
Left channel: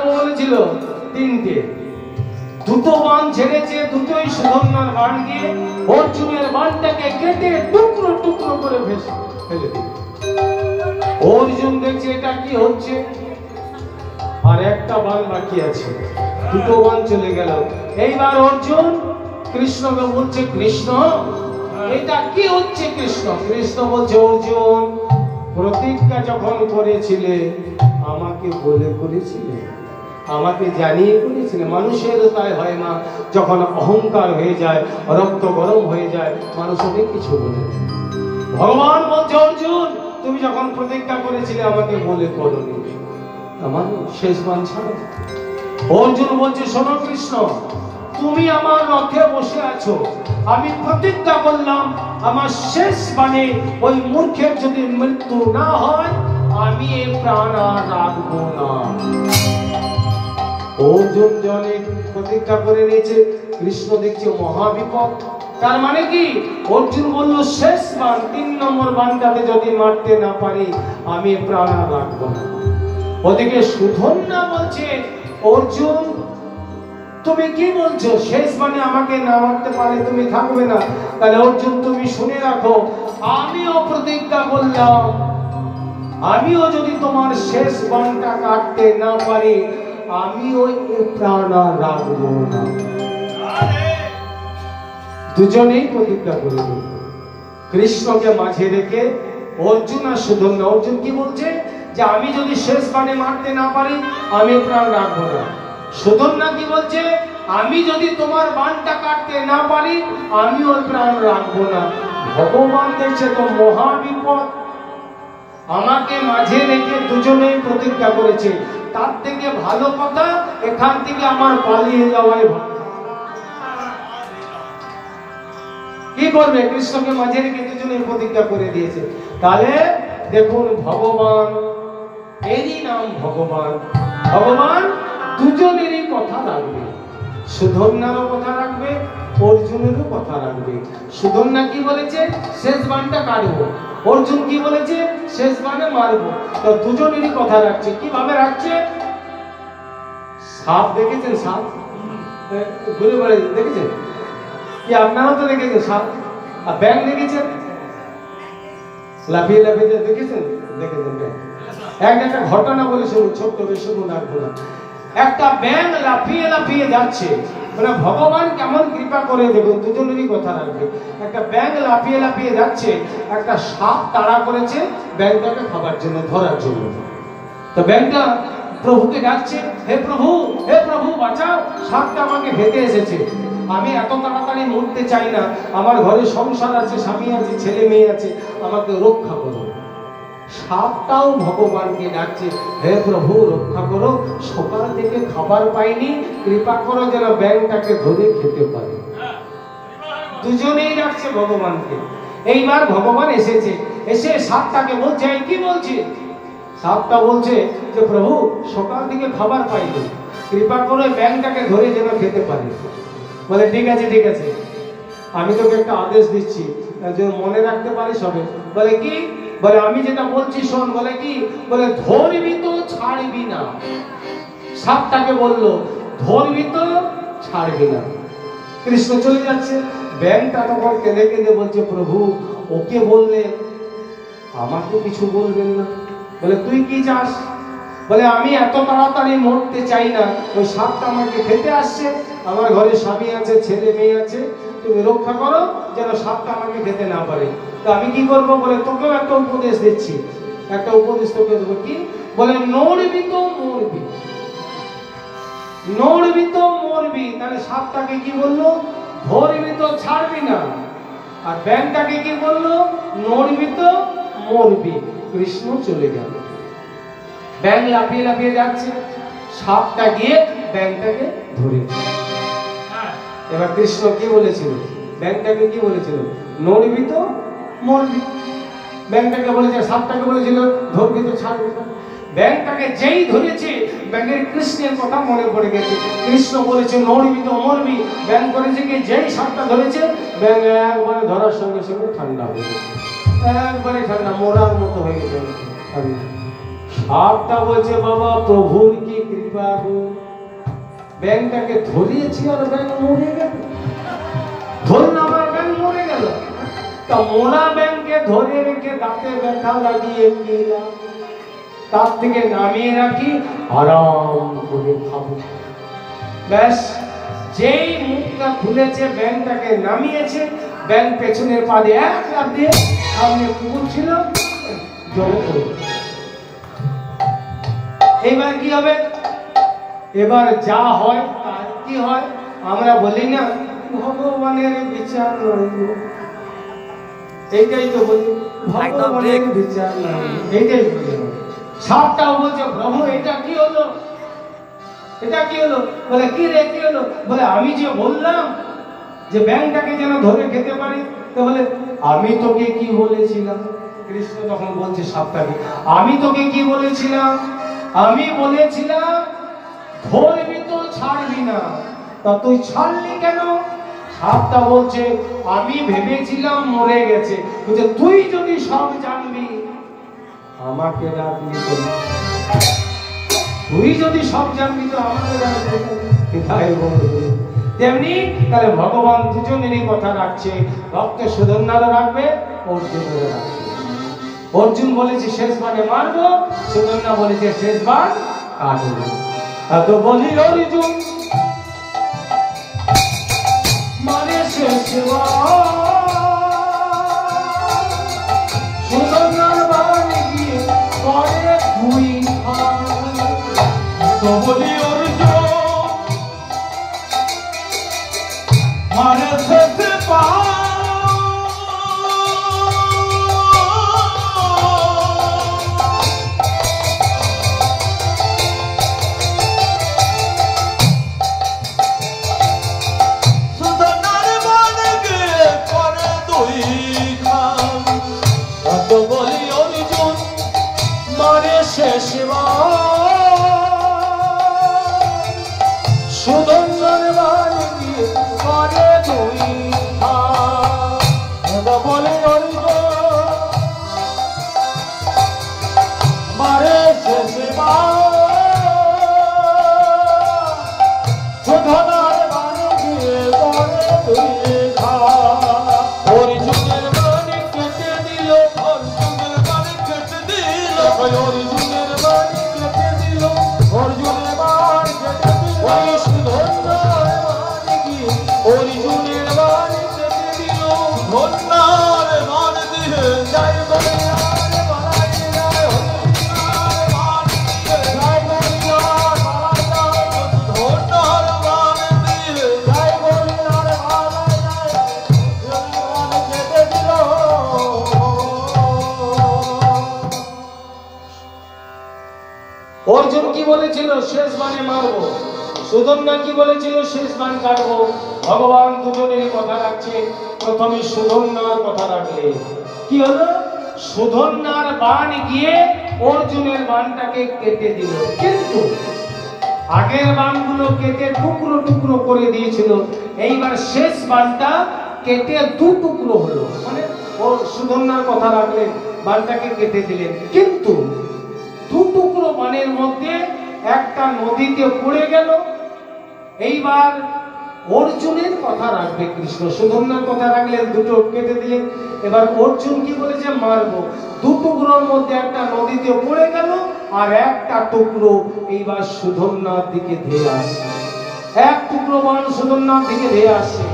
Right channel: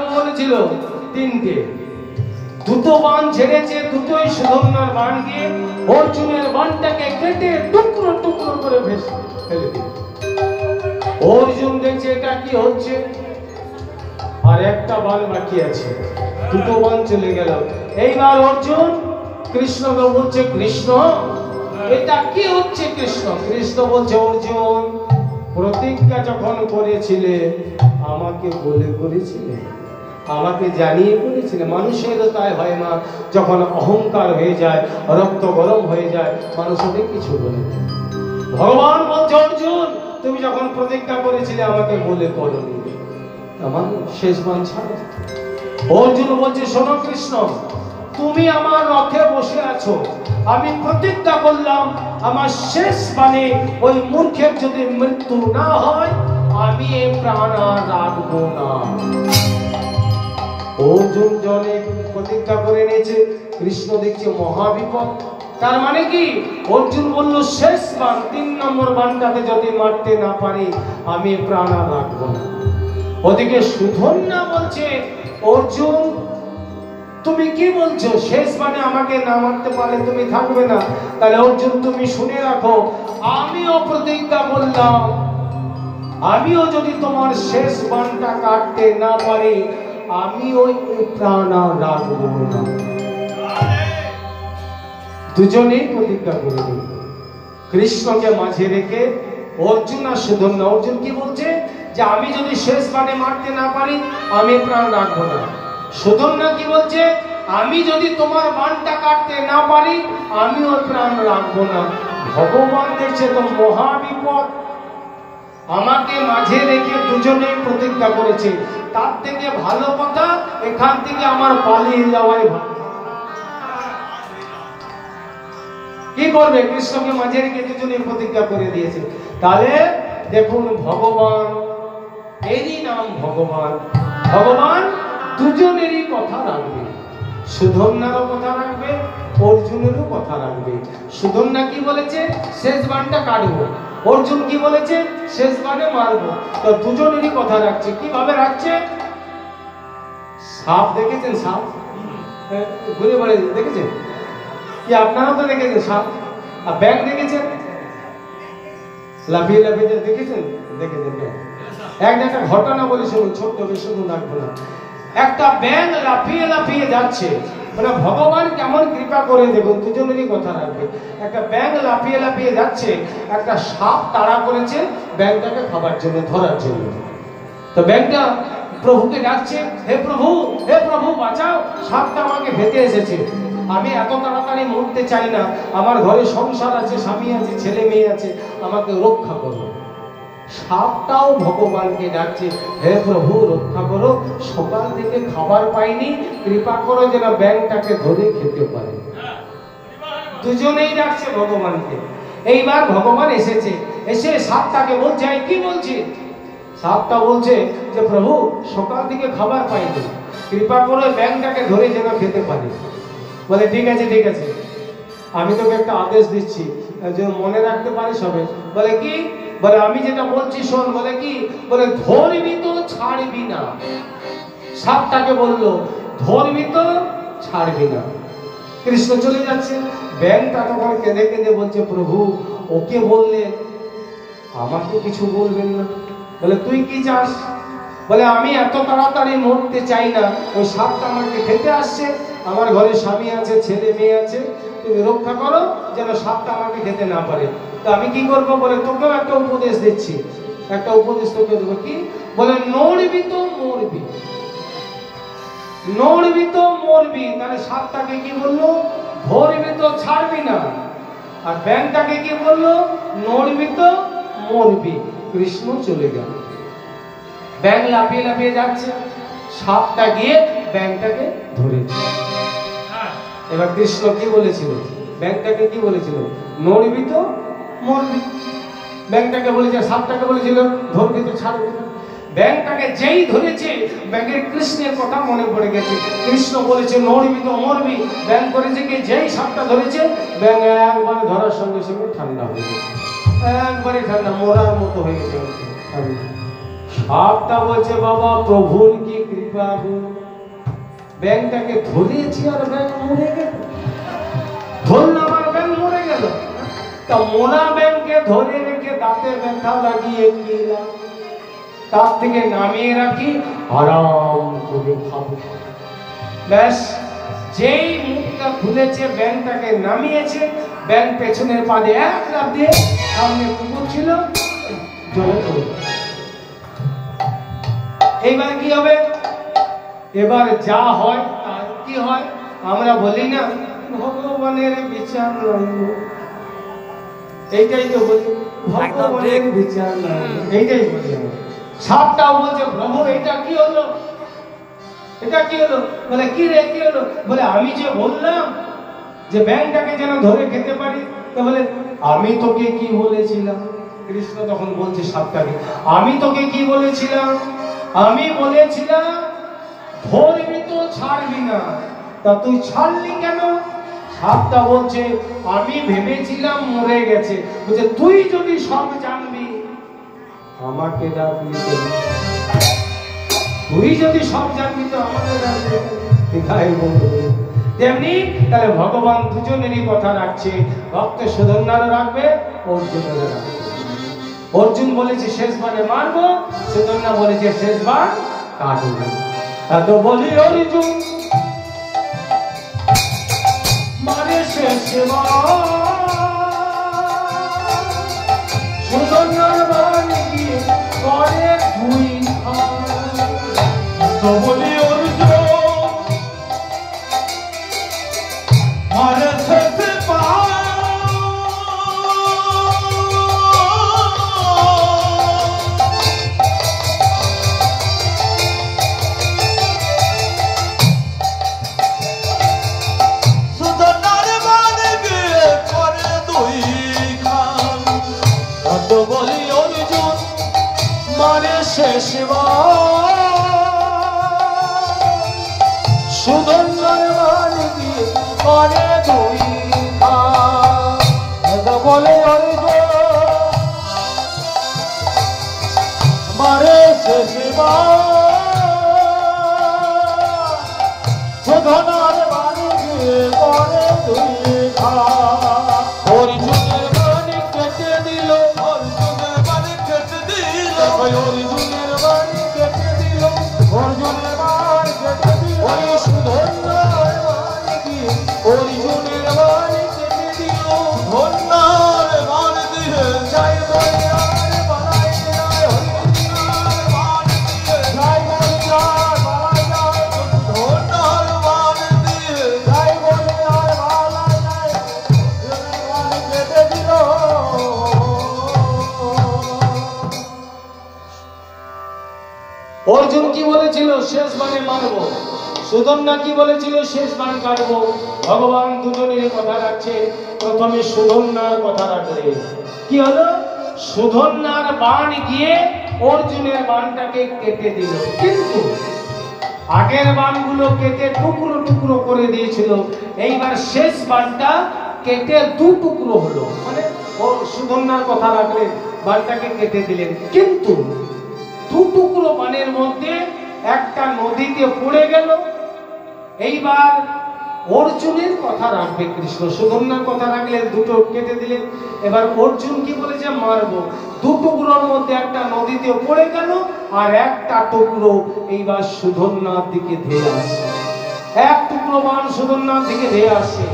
বাবু বলেছিল তিনটে, দুটো বান ছেড়েছে, দুটোই সুধন্যার বান গিয়ে অর্জুনের বানটাকে কেটে টুকরো টুকরো করে ভেসে ফেলে দিল। অর্জুন দেখছে এটা কি হচ্ছে, আর একটা বান বাকি আছে, দুটো বান চলে গেল। এইবার অর্জুন কৃষ্ণকে বলছে, কৃষ্ণ এটা কি হচ্ছে? কৃষ্ণ বলছে, অর্জুন প্রতিজ্ঞা যখন করেছিলে আমাকে বলে করেছিলে, আমাকে জানিয়ে করেছিলে। মানুষেরও তাই হয় না, যখন অহংকার হয়ে যায়, রক্ত গরম হয়ে যায়, মানুষ অনেক কিছু বলে। ভগবান বলছে, অর্জুন তুমি যখন প্রতিজ্ঞা করেছিলে আমাকে বলে করনি, আমার শেষ বান ছাড়ো। অর্জুন বলছে, শোনো কৃষ্ণ, তুমি আমার রথে বসে আছো, আমি প্রতিজ্ঞা করলাম আমার শেষ বাণে ওই মূর্খের যদি মৃত্যু না হয় আমি এই প্রাণ আর রাখবো না। অর্জুন জনে প্রতিজ্ঞা করে নিয়েছে, কৃষ্ণ দেখছে মহাবিপদ। তার মানে কি? অর্জুন বলল শেষ বাণ, 3 নম্বর বাণটাকে যদি মারতে না পারি আমি প্রাণ আর রাখবো না। ওদিকে সুধন্যা বলছে, অর্জুন তুমি কি বলছো? শেষ বাণে আমাকে না মারতে পারলে তুমি থাকবে না। তাহলে অর্জুন তুমি শুনে রাখো, আমিও প্রতিজ্ঞা করলাম, আমিও যদি তোমার শেষ বাণটা কাটতে না পারি আমিও প্রাণ আর রাখবো না। দুজনেই প্রতিজ্ঞা করে দিল। কৃষ্ণকে মাঝে রেখে অর্জুন আর সুধন্যা। অর্জুন কি বলছে? যে আমি যদি শেষ বাণে মারতে না পারি আমি প্রাণ রাখবো না। সুধন্যা কি বলছে? আমি যদি তোমার বাণটা কাটতে না পারি আমি ওর প্রাণ রাখবো না। ভগবান দেখছে তো মহাবিপদ, আমাকে মাঝে রেখে দুজনেই প্রতিজ্ঞা করেছে, তার থেকে ভালো কথা এখান থেকে আমার পালিয়ে যাওয়াই ভালো। কি করবে? কৃষ্ণকে মাঝে রেখে দুজনেই প্রতিজ্ঞা করে দিয়েছে। তাহলে দেখুন ভগবান, এরই নাম ভগবান। ভগবান দুজনেরই কথা রাখবে, সুধন্যারও কথা রাখবে, অর্জুনেরও কথা রাখবে। সুধন্যা কি বলেছে? শেষ বাণটা কাটবো। অর্জুন কি বলেছে? শেষ বাণে মারবো। তো দুজনেরই কথা রাখছে। কিভাবে রাখছে? সাপ দেখেছেন? সাপ ঘুরে বেড়ে দেখেছেন কি? আপনারাও তো দেখেছেন সাপ। আর ব্যাঙ দেখেছেন? লাফিয়ে লাফিয়ে দেখেছেন? দেখেছেন ব্যাঙ। একটা ঘটনা বলে শুনুন, ছোট্ট বেশি রাখবো না। একটা ব্যাঙ লাফিয়ে লাফিয়ে যাচ্ছে, মানে ভগবান কেমন কৃপা করে দেখুন, দুজনেরই কথা রাখবে। একটা ব্যাঙ লাফিয়ে লাফিয়ে যাচ্ছে, একটা সাপ তাড়া করেছে ব্যাঙটাকে খাবার জন্য, ধরার জন্য। তো ব্যাঙটা প্রভুকে ডাকছে, হে প্রভু বাঁচাও, সাপটা আমাকে ভেতে এসেছে, আমি এত তাড়াতাড়ি মরতে চাই না, আমার ঘরে সংসার আছে, স্বামী আছে, ছেলে মেয়ে আছে, আমাকে রক্ষা করো। সাপটাও ভগবানকে ডাকছে, হে প্রভু রক্ষা করো, সকাল থেকে খাবার পাইনি, কৃপা করো যেন ব্যাঙটাকে ধরে খেতে পারে। দুজনেই ডাকছে ভগবানকে। এইবার ভগবান এসেছে, এসে সাপটাকে বলছে, কি বলছে? সাপটা বলছে যে প্রভু সকাল থেকে খাবার পাইনি, কৃপা করো ব্যাঙটাকে ধরে যেন খেতে পারি। বলে ঠিক আছে ঠিক আছে, আমি তোকে একটা আদেশ দিচ্ছি, যে মনে রাখতে পারিস হবে। বলে কি? বলে আমি যেটা বলছি শোন। বলে কি? বলে ধরবি তো ছাড়বি না। সাপটাকে বললো ধরবি তো ছাড়বি না। কৃষ্ণ চলে যাচ্ছে, ব্যাঙটা তখন কেঁদে কেঁদে বলছে, প্রভু ওকে বললেন, আমাকে কিছু বলবেন না। বলে তুই কি চাস? বলে আমি এত তাড়াতাড়ি মরতে চাই না, ওই সাপটা আমাকে খেতে আসছে, আমার ঘরে স্বামী আছে, ছেলে মেয়ে আছে, তুমি রক্ষা করো যেন সাপটা আমাকে খেতে না পারে। তো আমি কি করবো? বলে তোকেও একটা উপদেশ দিচ্ছি, একটা উপদেশ তোকে দেবো। কি? বলে নড়বি তো মরবি, নড়বি তো মরবি। তাহলে সাপটাকে কি বললো? ধরবি তো ছাড়বি না। আর ব্যাঙটাকে কি বললো? নড়বি তো মরবি। কৃষ্ণ চলে গেল। ব্যাঙ লাফিয়ে লাফিয়ে যাচ্ছে, সাপটা গিয়ে ব্যাঙটাকে ধরেছে। এবার কৃষ্ণ কি বলেছিল? ব্যাঙটাকে কি বলেছিল? নড়বি তো মরবি। ব্যাঙটাকে বলেছে, সাপটাকে বলেছিল ধরবি তো ছাড়বি না। ব্যাঙটাকে যেই ধরেছে, ব্যাঙের কৃষ্ণের কথা মনে পড়ে গেছে। কৃষ্ণ বলেছে নড়বি তো মরবি। ব্যাঙ করেছে কি? যেই সাপটা ধরেছে, ব্যাঙ একবারে ধরার সঙ্গে সঙ্গে ঠান্ডা হয়ে গেছে, একবারে ঠান্ডা, মরার মতো হয়ে গেছে। সাপটা বলছে বাবা প্রভুর কি বাবু ব্যাংকটাকে ধরিয়েছি আর ব্যাংক মরে গেল। ধরুন আমার ব্যাংক মরে গেল, তা মোরা ব্যাংকে ধরে রেখে দাঁতে ব্যথা লাগিয়ে গেলাম, তার থেকে নামিয়ে রাখি আরাম করে খাবো। ব্যাস যেই মুখটা খুলেছে ব্যাংকটাকে নামিয়েছে, ব্যাংক পেছনের পা দিয়ে এক লাফ দিয়ে সামনে কুকুর ছিল জোরে জোরে। এবার কি হবে? এবার যা হয় তার কি হয়? আমরা বলি না ভগবানের বিচার নয়, এইটাই তো বলি, ভগবানের বিচার নয়, এইটাই বলি। সাপটাও বলছে প্রভু এটা কি হলো, এটা কি হলো? বলে কি রে কি হলো? বলে আমি যে বললাম যে ব্যাংকটাকে যেন ধরে খেতে পারি, তো বলে আমি তোকে কি বলেছিলাম? কৃষ্ণ তখন বলছে সাপটাকে, আমি তোকে কি বলেছিলাম? আমি বলেছিলাম ধরবি তো ছাড়বি না, তা তুই ছাড়লি কেন? সাপটা বলছে আমি ভেবেছিলাম মরে গেছে। বলছে তুই যদি সব জানবি আমাকে রাখবি কেন? তুই যদি সব জানবি তো আমাকে রাখবি কেন? তেমনি তাহলে ভগবান দুজনেরই কথা রাখছে, ভক্ত সুধন্যারও রাখবে, অর্জুনেরও রাখবে। অর্জুন বলেছে শেষবারে মারবো, সুধন্যা বলেছে শেষবার কাটবো। তো বলি অর্জুন মানে শেষবার সুধন্যার বাড়ি গিয়ে পরে দুই তো বলি অর্জুন মারে শেষে পা সুধন্যার বাড়ি গিয়ে পরে দুই বলে মারে সুধন্যার বাড়ি গিয়ে পরে দুই অর্জুনের বাড়ি কেটে দিল, অর্জুনের বাড়ি কেটে দিল, অর্জুনের বাড়ি কেটে দিল, অর্জুনের বাড়ি কেটে দিল, ওই সুধন্যার বাড়ি গিয়ে অর্জুনের বাড়ি কেটে দিল। ধন্যার বাড়ি দিয়ে যাই বলে আর বাড়াই যায়, ধন্যার বাড়ি দিয়ে যাই বলে আর বাড়াই যায়, ধন্যার বাড়ি দিয়ে যাই বলে আর বাড়াই যায়, কেটে দিল। অর্জুন কি বলেছিল? শেষ বানে মারবো। সুধন্যা কি বলেছিল? শেষ বান কাটবো। ভগবান দুজনেরই কথা রাখছে। প্রথমে সুধন্যার কথা রাখলে কি হলো? সুধন্যার বান গিয়ে অর্জুনের বানটাকে কেটে দিল, কিন্তু আগের বানগুলো কেটে টুকরো টুকরো করে দিয়েছিল, এইবার শেষ বানটা কেটে দু টুকরো হলো। মানে সুধন্যার কথা রাখলেন, বানটাকে কেটে দিলেন, কিন্তু দু টুকরো বানের মধ্যে একটা নদীতে পড়ে গেল। এইবার অর্জুনের কথা রাখবে কৃষ্ণ, সুধন্যার কথা রাখলেন, দুটো কেটে দিলেন। এবার অর্জুন কি বলেছে? মারবো। দু টুকরোর মধ্যে একটা নদীতে পড়ে গেল, আর একটা টুকরো এইবার সুধন্যার দিকে ধেয়ে আসছে। এক টুকরো বান সুধন্যার দিকে ধেয়ে আসছে।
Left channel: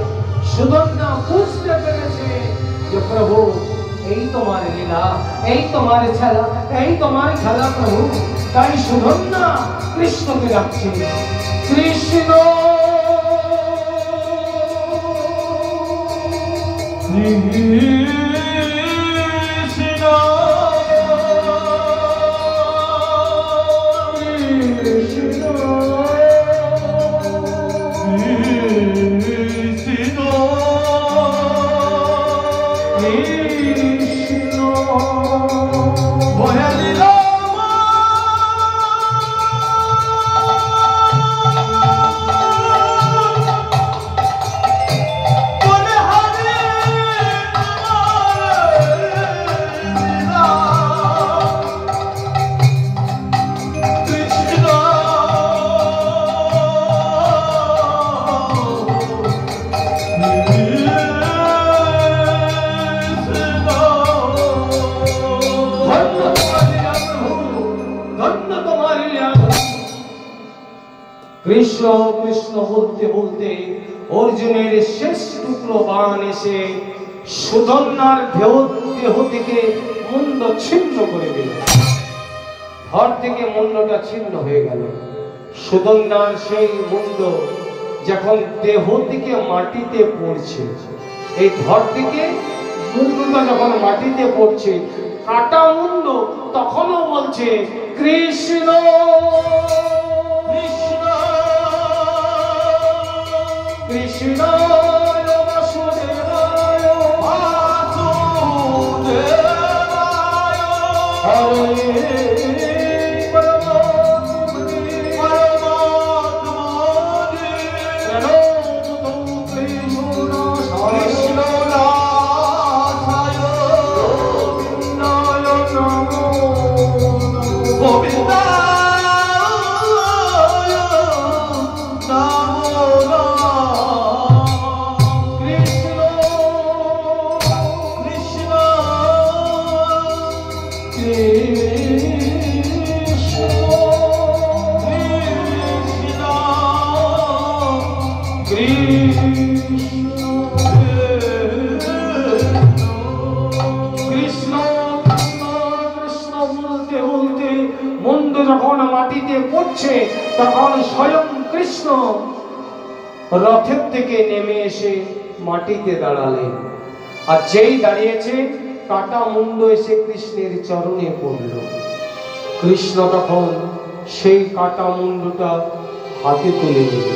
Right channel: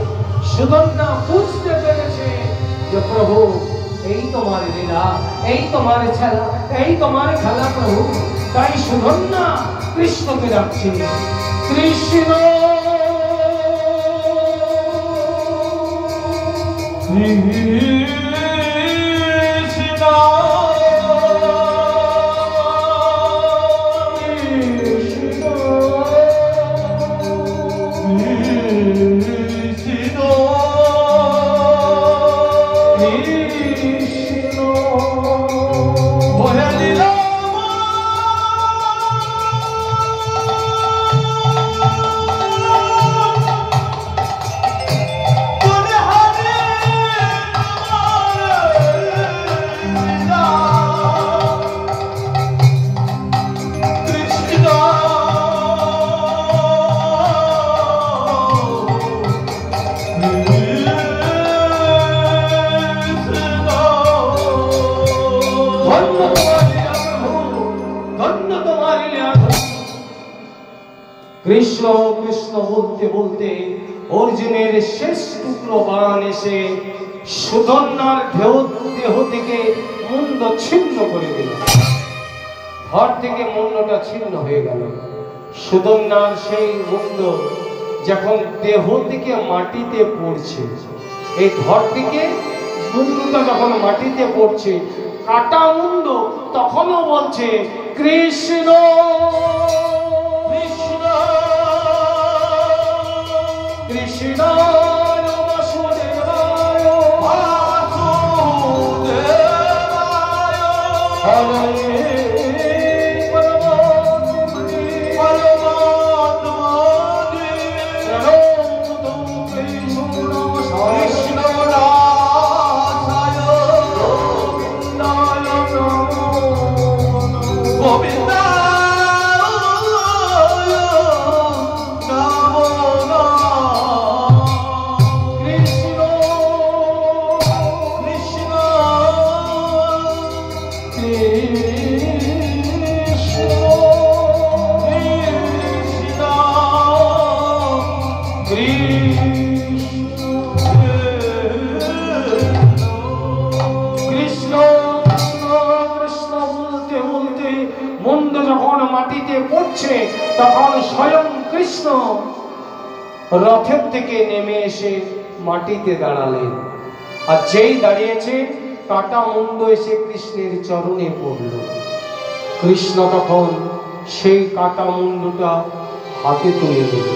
সুধন্যা বুঝতে পেরেছে যে প্রভু এই তোমার লীলা, এই তোমার খেলা, এই তোমার খেলা প্রভু। তাই সুধন্যা কৃষ্ণকে ডাকছে, কৃষ্ণ কৃষ্ণ কৃষ্ণ বলতে বলতে অর্জুনের শেষ টুকরো বাণ এসে সুধন্যার দেহ থেকে মুন্ড ছিন্ন করে দিল। ধর থেকে মুন্ডটা ছিন্ন হয়ে গেল। সুধন্যার সেই মুন্ড যখন দেহ থেকে মাটিতে পড়ছে, এই ধর থেকে মুন্ডটা যখন মাটিতে পড়ছে, কাটা মুন্ড তখনও বলছে কৃষ্ণ কৃষ্ণ কৃষ্ণ বাসুদেবায় হরে তখন স্বয়ং কৃষ্ণ রথের থেকে নেমে এসে মাটিতে দাঁড়ালেন। আর যেই দাঁড়িয়েছে, কাটা মুন্ড এসে কৃষ্ণের চরণে পড়ল। কৃষ্ণ তখন সেই কাটা মুন্ডটা হাতে তুলে নিল।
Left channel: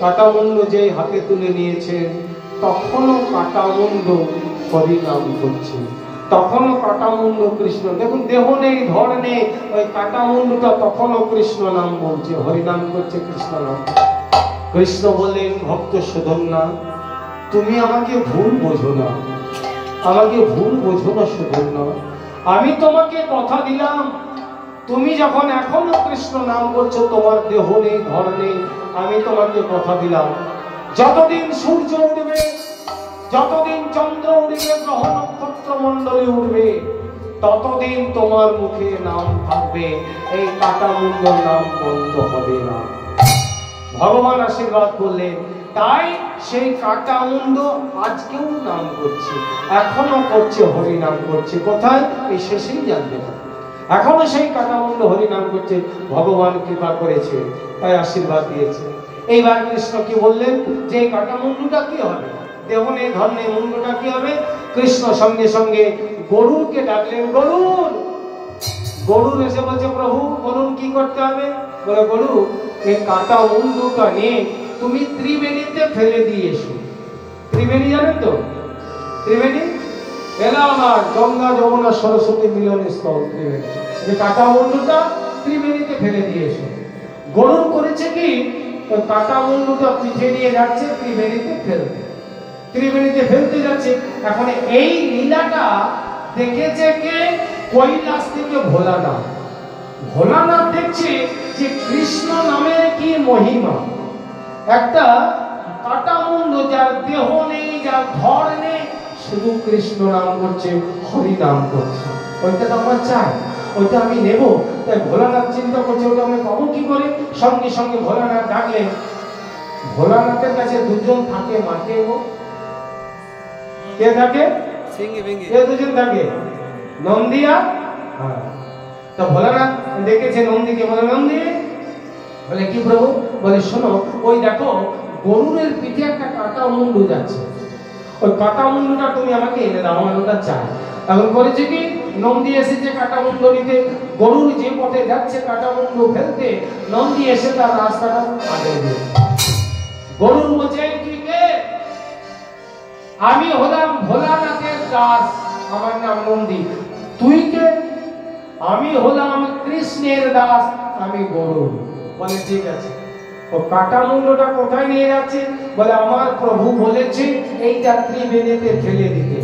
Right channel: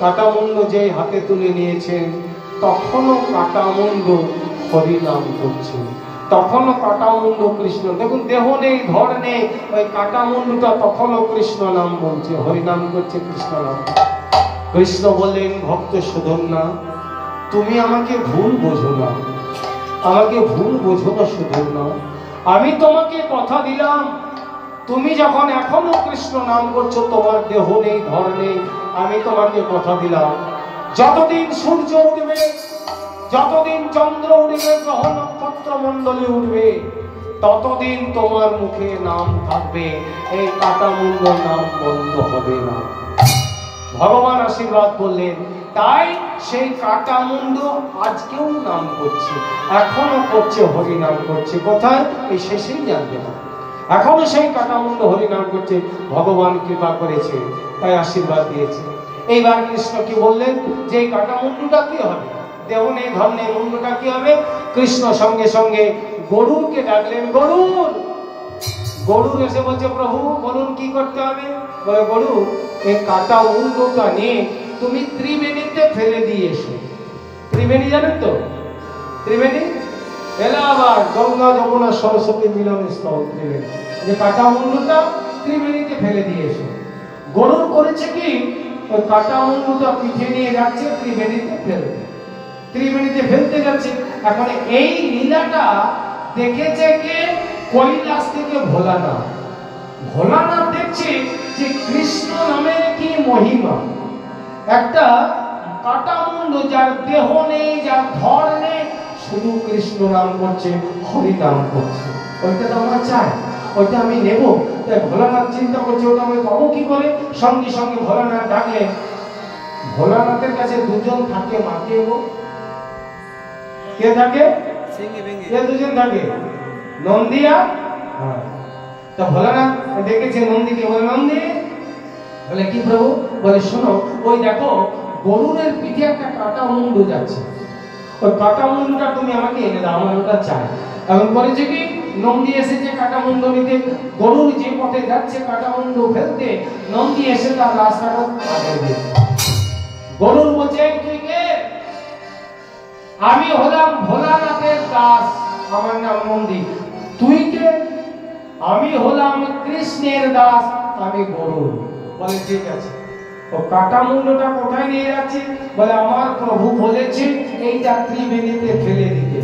কাটা মুন্ড যে হাতে তুলে নিয়েছেন, তখনও কাটা মুন্ড হরিনাম করছে, তখনও কাটা মুন্ড কৃষ্ণ, দেখুন দেহ নেই ধর নেই, ওই কাটা মুন্ডটা তখনও কৃষ্ণ নাম বলছে, হরিনাম করছে, কৃষ্ণ নাম। কৃষ্ণ বললেন, ভক্ত সুধন্যা, তুমি আমাকে ভুল বোঝো না, আমাকে ভুল বোঝো না সুধন্যা। আমি তোমাকে কথা দিলাম, তুমি যখন এখনো কৃষ্ণ নাম করছো, তোমার দেহ নেই ধর নেই, আমি তোমাকে কথা দিলাম, যতদিন সূর্য উঠবে, যতদিন চন্দ্র উঠবে, গ্রহ নক্ষত্র মন্ডলে উঠবে, ততদিন তোমার মুখে নাম থাকবে, এই কাটা মুন্ড নাম বন্ধ হবে না। ভগবান আশীর্বাদ করলেন, তাই সেই কাটা মুন্ড আজকেও নাম করছে, এখনো করছে, হরি নাম করছে। কোথায়? এই শেষেই জানতে হবে। এখনো সেই কাটা মুন্ড হরি নাম করছে, ভগবান কৃপা করেছে, তাই আশীর্বাদ দিয়েছে। এইবার কৃষ্ণ কি বললেন, যে কাটা মুন্ডটা কি হবে, দেহ নেই ধর নেই, মুন্ডটা কি হবে? কৃষ্ণ সঙ্গে সঙ্গে গরুরকে ডাকলেন। গরুর এসে বলছে, প্রভু বলুন কি করতে হবে? বলে, গরু, এই কাটা মুন্ডটা নিয়ে তুমি ত্রিবেণীতে ফেলে দিয়ে এসো। ত্রিবেণী জানেন তো? ত্রিবেণী এলাহাবাদ, গঙ্গা যমুনা সরস্বতী মিলন স্থল ত্রিবেণী। যে কাটা মুন্ডটা ত্রিবেণীতে ফেলে দিয়ে এসো। গরুর করেছে কি, ওই কাটা মুন্ডটা পিঠে নিয়ে যাচ্ছে ত্রিবেণীতে ফেলতে, ত্রিবেণীতে ফেলতে যাচ্ছে। এখন এই লীলাটা দেখেছে কে? কৈলাস থেকে ভোলানাথ। ভোলানাথ দেখছে যে কৃষ্ণ নামের কি মহিমা। একটা কাটা মুন্ড, যার দেহ নেই, যার ধর নেই, শুধু কৃষ্ণ নাম করছে, হরি নাম করছে, ওইটা তো আমার চাই, ওইটা আমি নেব। তাই ভোলানাথ চিন্তা করছে, ওটা আমি পাবো কি করে? সঙ্গে সঙ্গে ভোলানাথ ডাকলেন। ভোলানাথের কাছে দুজন থাকে, মাকে ও কে থাকে? দুজন থাকে, নন্দিয়া। তো ভোলানাথ দেখেছে নন্দীকে, বলে, নন্দী, বলে কি প্রভু? বলে, শোনো, ওই দেখো গরুরের পিঠে একটা কাটা মুন্ড যাচ্ছে, ওই কাটা মুন্ডটা তুমি আমাকে এনে দাও, আমার ওটা চাই। এখন করেছে কি, নন্দী এসেছে কাটা মুন্ড নিতে, গরুর যে পথে যাচ্ছে কাটা মুন্ড ফেলতে, নন্দী এসে তার রাস্তাটা আগে দিয়েছে। গরুর বলছে, তুই কে? আমি হলাম ভোলানাথের দাস, আমার নাম নন্দী। তুই কে? আমি হলাম কৃষ্ণের দাস, আমি গরুর। বলে, ঠিক আছে। ও কাটা মুন্ডটা কোথায় নিয়ে যাচ্ছে? বলে, আমার প্রভু বলেছে এই যাত্রী বেদিতে ফেলে দিতে।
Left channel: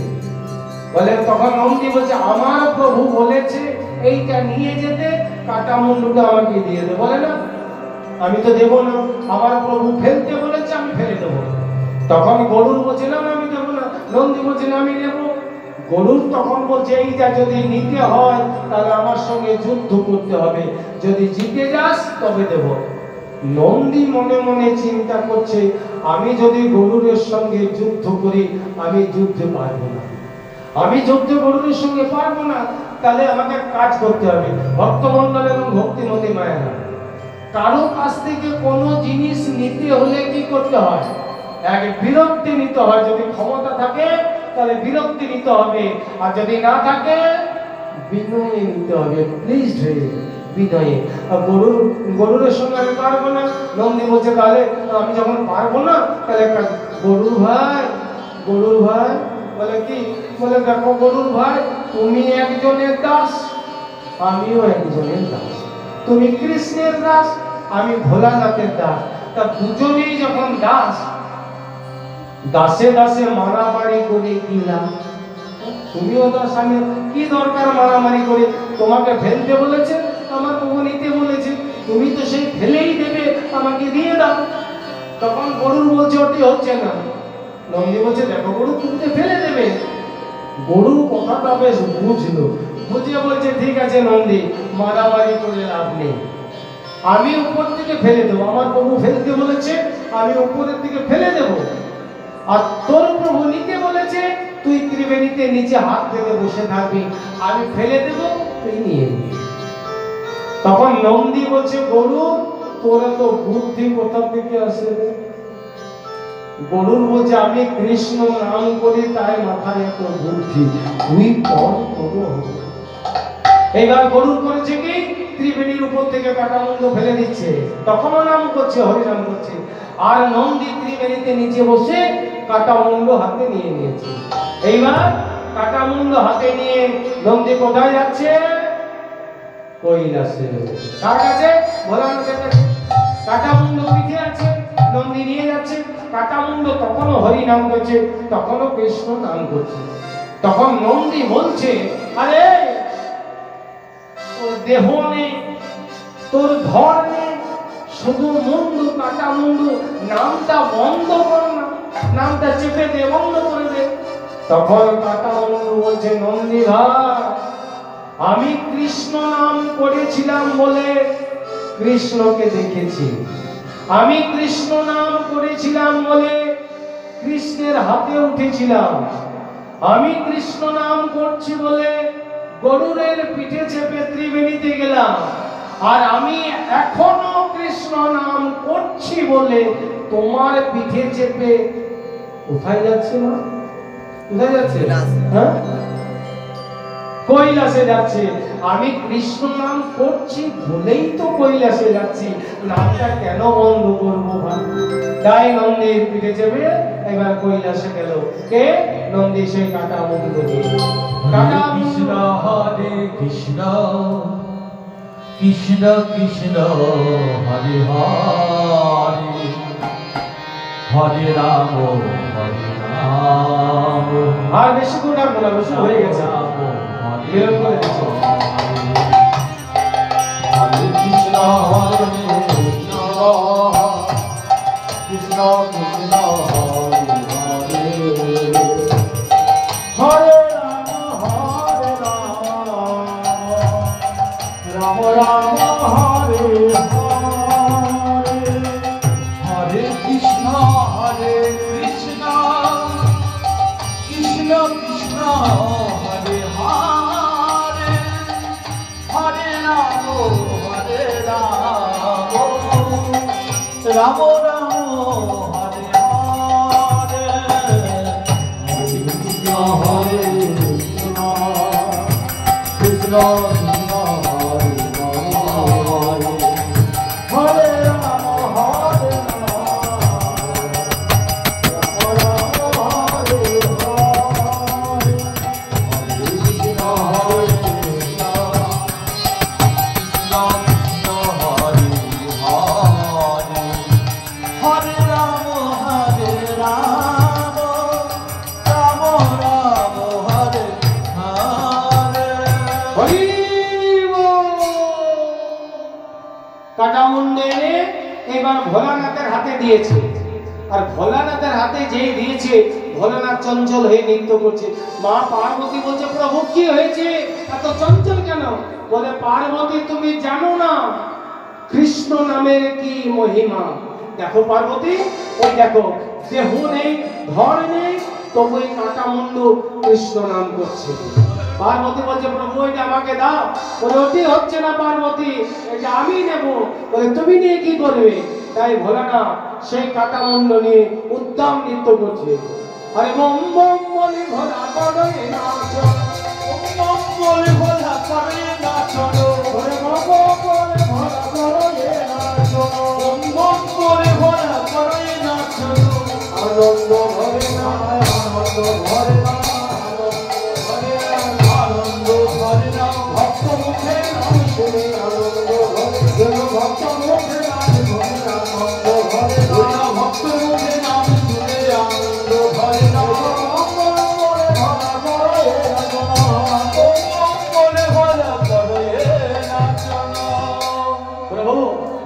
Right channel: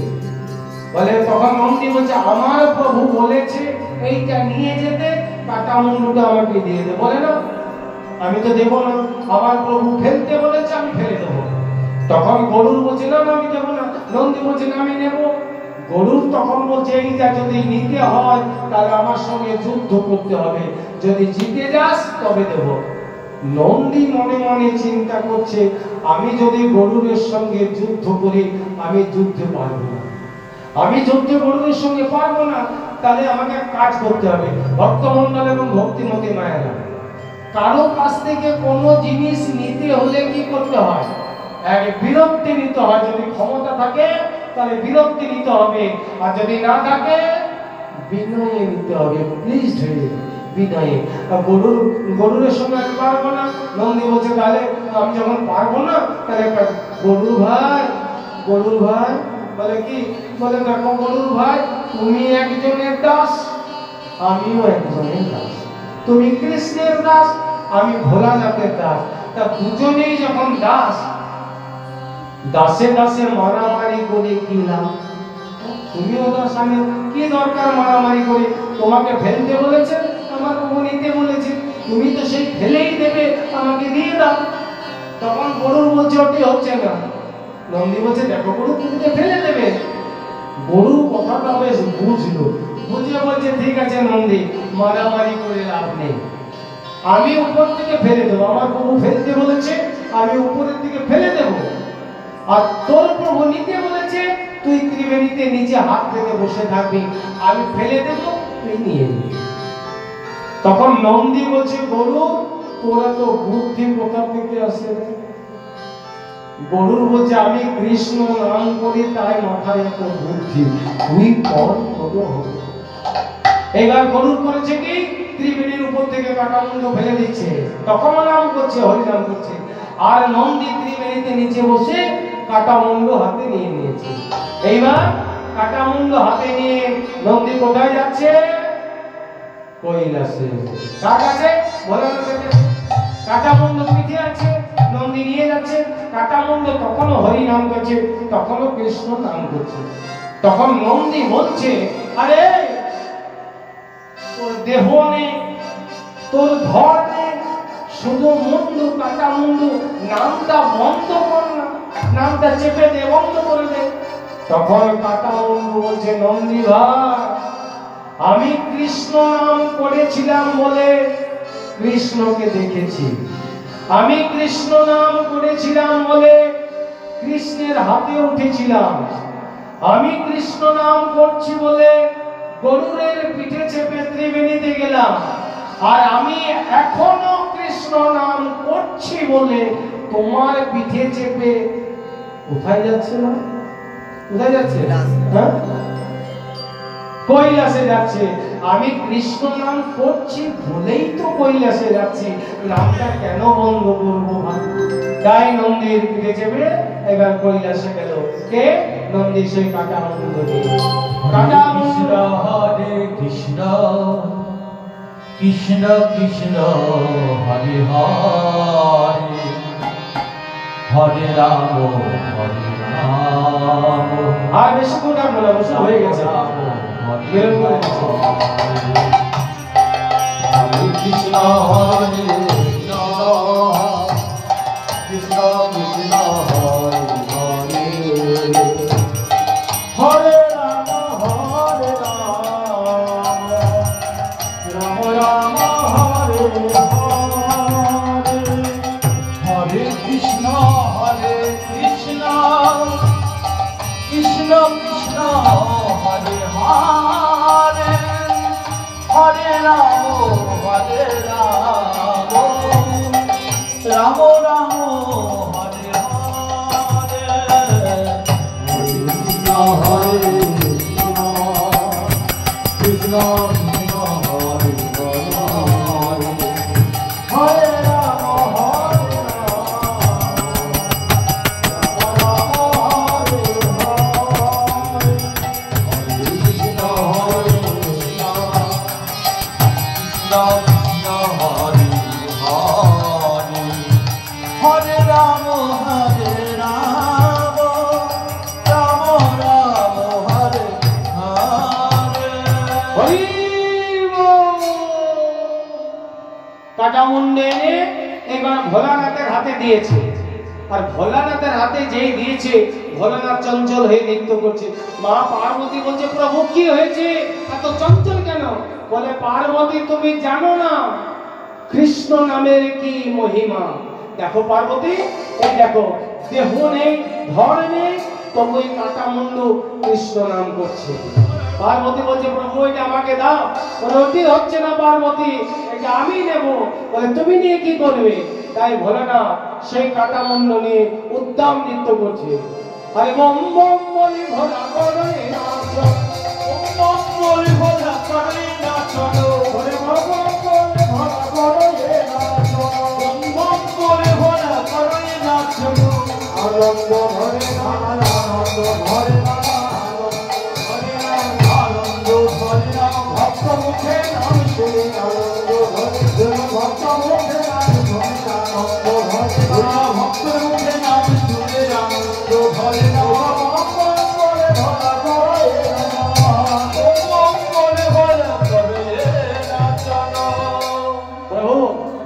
বলে, তখন নন্দী বলছে, আমার প্রভু বলেছে এইটা নিয়ে যেতে, কাটা মুন্ডটা আমাকে দিয়ে দে। বলে, না, আমি তো দেবো না, আমার প্রভু ফেলতে বলেছে, আমি ফেলে দেবো। তখন গরুর বলছে, না, আমি দেবো না। নন্দী বলছে, না, আমি নেবো। গরুর তখন বলছে, এইটা যদি নিতে হয় তাহলে আমার সঙ্গে যুদ্ধ করতে হবে, যদি জিতে যাস তবে দেব। নন্দী মনে মনে চিন্তা করছে, আমি যদি গরুরের সঙ্গে যুদ্ধ করি, আমি যুদ্ধে পারবো না, আমি যুদ্ধে গরুরের সঙ্গে পারবো না, তাহলে আমাকে কাজ করতে হবে। ভক্তমন্ডল এবং ভক্তিমতী মায়েরা, কারো কাছ থেকে কোনো জিনিস নিতে হলে কি করতে হয়? এক বিরক্তি নিতে হয়। যদি ক্ষমতা থাকে তাহলে বিরক্তি নিতে হবে, আর যদি না থাকে বিনয়ে নিতে হবে, প্লিজ বিনয়ে। গরুরের সঙ্গে আমি পারবো না। নন্দী বলছে, তাহলে আমি যখন পারবো না, তাহলে গরুর ভাই বলে কি, বলে দেখো গরুর ভাই, তুমি একজনের দাস, আমিও একজনের দাস, তুমি কৃষ্ণের দাস, আমি ভোলানাথের দাস। তা দুজনেই যখন দাস, দাসে দাসে মারামারি করে কি লাভ? তুমিও দাস, আমি কি দরকার মারামারি করে? তোমাকে ফেলতে বলেছে, আমাকে নিতে বলেছে, তুমি তো সেই ফেলেই দেবে, আমাকে দিয়ে দাও। তখন গরুর বলছে, ওটি হচ্ছে না। নন্দী বলছে, দেখো গরু, তুমি তো ফেলে দেবে। গরু কথাটা বেশ বুঝলো, বুঝিয়ে বলছে, ঠিক আছে নন্দী, মারামারি করে লাভ নেই, আমি উপর থেকে ফেলে দেবো। আমার প্রভু ফেলতে বলেছে, আমি উপরের দিকে ফেলে দেব। আর তোর প্রভু নিতে বলেছে, তুই ত্রিবেণীতে নিচে হাত রেখে বসে থাকবি, আমি ফেলে দেব, তুই নিয়ে নিবি। তখন নন্দী বলছে, গরু, তোরা তো বুদ্ধি কোথা থেকে আসে? গরুর বলছে, আমি কৃষ্ণ নাম করি, তাই মাথায় এত বুদ্ধি, তুই কর, তবু হবে। এইবার গরুর করেছে কি, ত্রিবেণীর উপর থেকে কাটামুন্ড ফেলে দিচ্ছে, তখনও নাম করছে, হরিনাম করছে। আর নন্দী ত্রিবেণীতে নিচে বসে কাটামুন্ড হাতে নিয়ে নিয়েছে। এইবার কাটামুন্ড হাতে নিয়ে নন্দী কোথায় যাচ্ছে? কৈলাসে। কার কাছে? ভোলানাথের কাছে। কাটামুন্ড পিঠে আছে, নন্দী নিয়ে যাচ্ছে। কাটামুন্ড তখনও হরিনাম করছে, তখনও কৃষ্ণ নাম করছে। তখন নন্দী বলছে, আরে তোর দেহ নেই, তোর ধর নেই, শুধু মুন্ডু, কাটা মুন্ডু, নামটা বন্ধ কর না, নামটা চেপে দে, বন্ধ করে দে। তখন কাটা মুন্ডু বলছে, নন্দী ভাই, আমি কৃষ্ণ নাম করেছিলাম বলে কৃষ্ণকে দেখেছি, আমি কৃষ্ণ নাম করেছিলাম বলে কৃষ্ণের হাতে উঠেছিলাম, আমি কৃষ্ণ নাম করছি বলে গরুরের পিঠে চেপে ত্রিবেণীতে গেলাম, আর আমি এখনো কৃষ্ণ নাম করছি বলে তোমার পিঠে চেপে কোথায় যাচ্ছে? না কোথায় যাচ্ছে? হ্যাঁ, কৈলাসে যাচ্ছে। আমি কৃষ্ণ নাম করছি বলেই তো কৈলাসে যাচ্ছি, নামটা কেন বন্ধ করবো? তাই নন্দীর পিঠে চেপে এবার কৈলাসে গেল। কে? নন্দী সেই কাটামুন্ড নিয়ে। কৃষ্ণ হরে কৃষ্ণ, কৃষ্ণ কৃষ্ণ হরে হরে, হরে রাম হরে রাম। আর বেশি করে বলা বসে হয়ে গেছে, হরে কৃষ্ণ হরে কৃষ্ণ, কৃষ্ণ কৃষ্ণ হরে হরে, হরে রাম রাম রাম হরে হরে, হরে কৃষ্ণ কৃষ্ণ, কৃষ্ণ কৃষ্ণ হরে হরে, হরে রাম রাম রাম হরে হরে, কৃষ্ণ হরে কৃষ্ণ, কৃষ্ণ কৃষ্ণ হরে হরে, হরে রাম হরে রাম, রাম হরে হরে, কৃষ্ণ হরে কৃষ্ণ, কৃষ্ণ কৃষ্ণ হরে হরে, হরে রাম রাম রাম হরে হরে। হরি বল। কাটামুন্ড এনে এবার ভোলানাথের হাতে দিয়েছে, আর ভোলানাথের হাতে যেই দিয়েছে, ভোলানাথ চঞ্চল হয়ে নৃত্য করছে। মা পার্বতী বলছে, প্রভু কি হয়েছে, এত চঞ্চল কেন? বলে, পার্বতী তুমি জানো না কৃষ্ণ নামের কি মহিমা। দেখো পার্বতী, এই দেখো দেহ নেই, ধর নেই, তবু এই কাটা মুন্ডু কৃষ্ণ নাম করছে। পার্বতী বলছে প্রভু এটা আমাকে দাও। বলতে হচ্ছে না পার্বতী, এটা আমি নেব। বলে তুমি নিয়ে কি করবে? তাই ভোলানাথ সেই কাটা মুন্ড নিয়ে উদ্দাম নৃত্য করছে। আরে বম বম বলি ভোলা করে নাচ, বম বম বলি ভোলা করে নাচ, ওরে বম বম বলি ভোলা করে নাচ, বম বম বলি ভোলা করে নাচ, আনন্দ ধরে না, আনন্দ ধরে না, আনন্দ ধরে না, ভক্ত মুখে নাম শুনে আনন্দ ধরে, ভক্ত মুখে নাম শুনে আনন্দ ধরে, ভক্ত মুখে নাম শুনে আনন্দ ধরে না,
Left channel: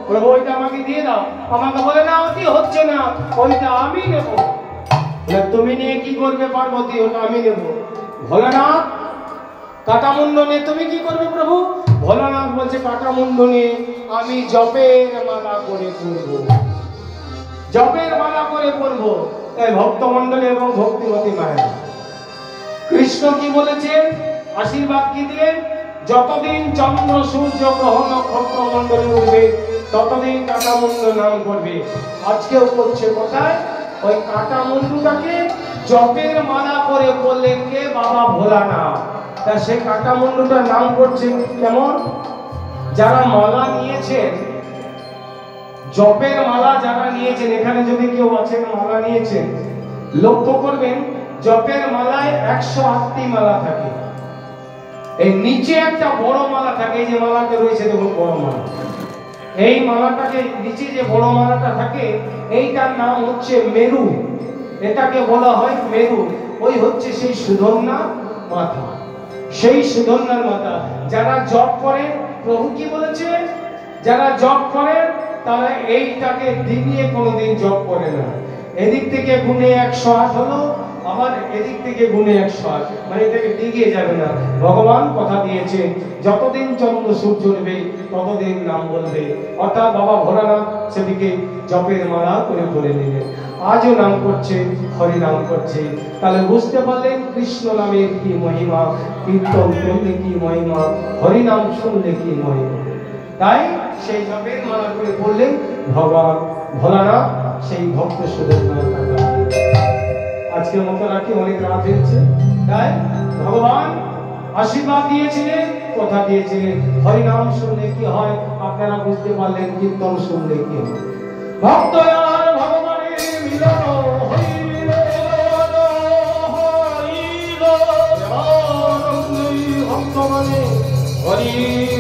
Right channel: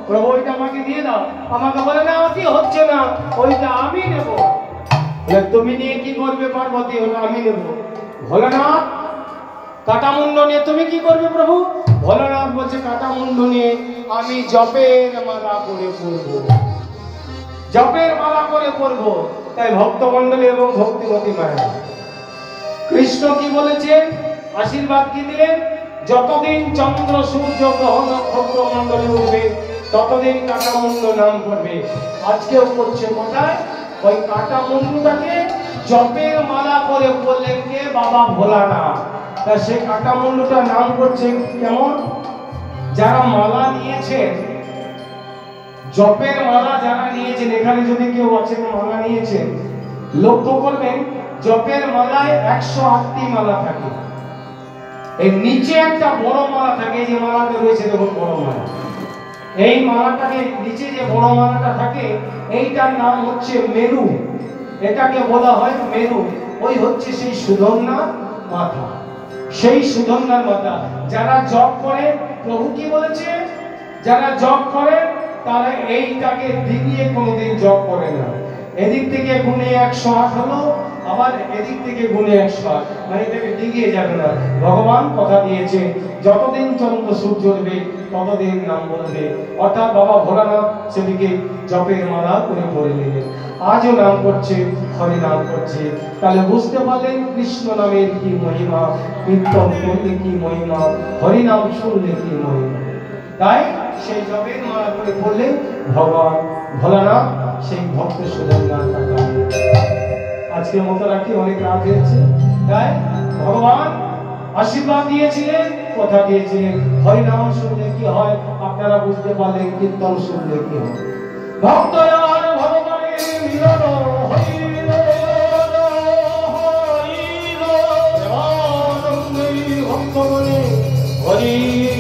প্রভু ওইটা আমাকে দিয়ে দাও। আমাকে বলে না ওটি হচ্ছে না, ওইটা আমি নেব। তুমি নিয়ে কি করবে পার্বতী? ওটা আমি নেব। ভোলানাথ কাটামুন্ড নিয়ে তুমি কি করবে প্রভু? ভোলানাথ বলছে কাটামুন্ড নিয়ে আমি জপের মালা করে পড়বো, জপের মালা করে পড়বো। তাই ভক্তমন্ডলী এবং ভক্তিমতী মায়ের কৃষ্ণ কি বলেছেন? আশীর্বাদ কি দিলেন? যতদিন চন্দ্র সূর্য গ্রহ নক্ষত্র মন্ডলী উঠবে ততদিন কাটামুন্ড নাম করবে। আজকেও করছে কোথায়? ওই কাটামুন্ডটাকে জপের মালা করে বললেন কে? বাবা ভোলানাথ। তা সে কাটামুন্ডটার নাম করছে কেমন? যারা মালা নিয়েছেন, জপের মালা যারা নিয়েছেন, এখানে যদি কেউ আছেন মালা নিয়েছেন, লক্ষ্য করবেন জপের মালায় 108টি মালা থাকে। এই নিচে একটা বড় মালা থাকে, এই যে মালাটা রয়েছে দেখুন বড় মালা, এই মালাটাকে নিচে যে বড় মালাটা থাকে এইটার নাম হচ্ছে মেরু। এটাকে বলা হয় মেরু। ওই হচ্ছে সেই সুধন্যা মাথা, সেই সুধন্যার মাথা। যারা জপ করে, প্রভু কি বলেছে? যারা জপ করে তারা এইটাকে দিগিয়ে কোনোদিন জপ করে না। এদিক থেকে গুণে 108 হলো, আবার এদিক থেকে গুণে 108, মানে এটাকে দিগিয়ে যাবে না। ভগবান কথা দিয়েছে যতদিন চন্দ্র সূর্য উঠবে ততদিন নাম বলবে। অর্থাৎ বাবা ভোলানাথ সেদিকে জপের মালা করে পড়ে নিলেন। আজও নাম করছে, হরি নাম করছে। তাহলে বুঝতে পারলেন কৃষ্ণ নামের কি মহিমা, কীর্তন করলে কি মহিমা, হরি নাম শুনলে কি মহিমা। তাই সেই জপের মালা করে পড়লেন ভগবান ভোলানাথ সেই ভক্ত সুধন্যার কথা। আজকের মতো রাখি, অনেক রাত হয়েছে। তাই ভগবান আশীর্বাদ দিয়েছিলেন, কথা দিয়েছিলেন হরি নাম শুনলে কি হয় আপনারা বুঝতে পারলেন, কীর্তন শুনলে কি হয়। ভক্ত আর ভগবানের মিলন, হরি ভক্ত মনে হরি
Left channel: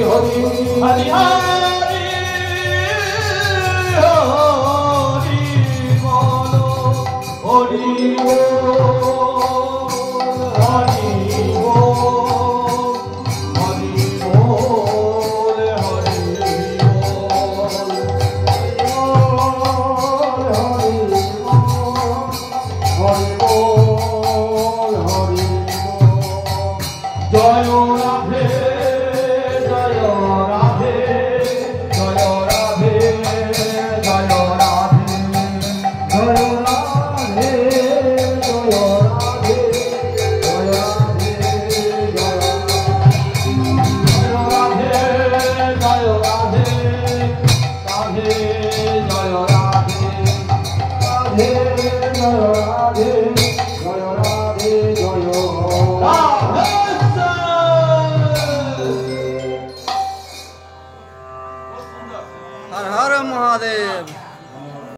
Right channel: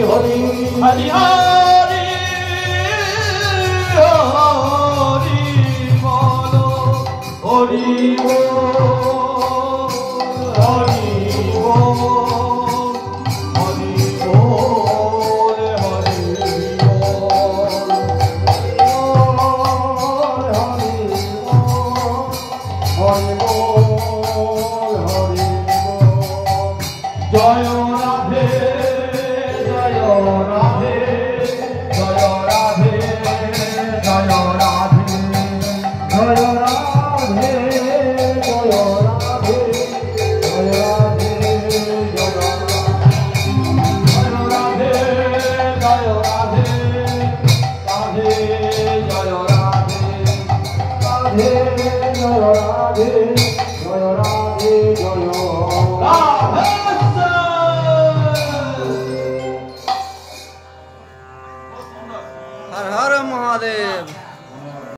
হরি হরি হরি হরি বল, হরি জয় রাধে জয় রাধে জয় রাধে জয় রাধে জয় রাধে জয় রাধে জয় রাধে জয় রাধে জয় রাধে রাধে জয় রাধে রাধে জয় রাধে।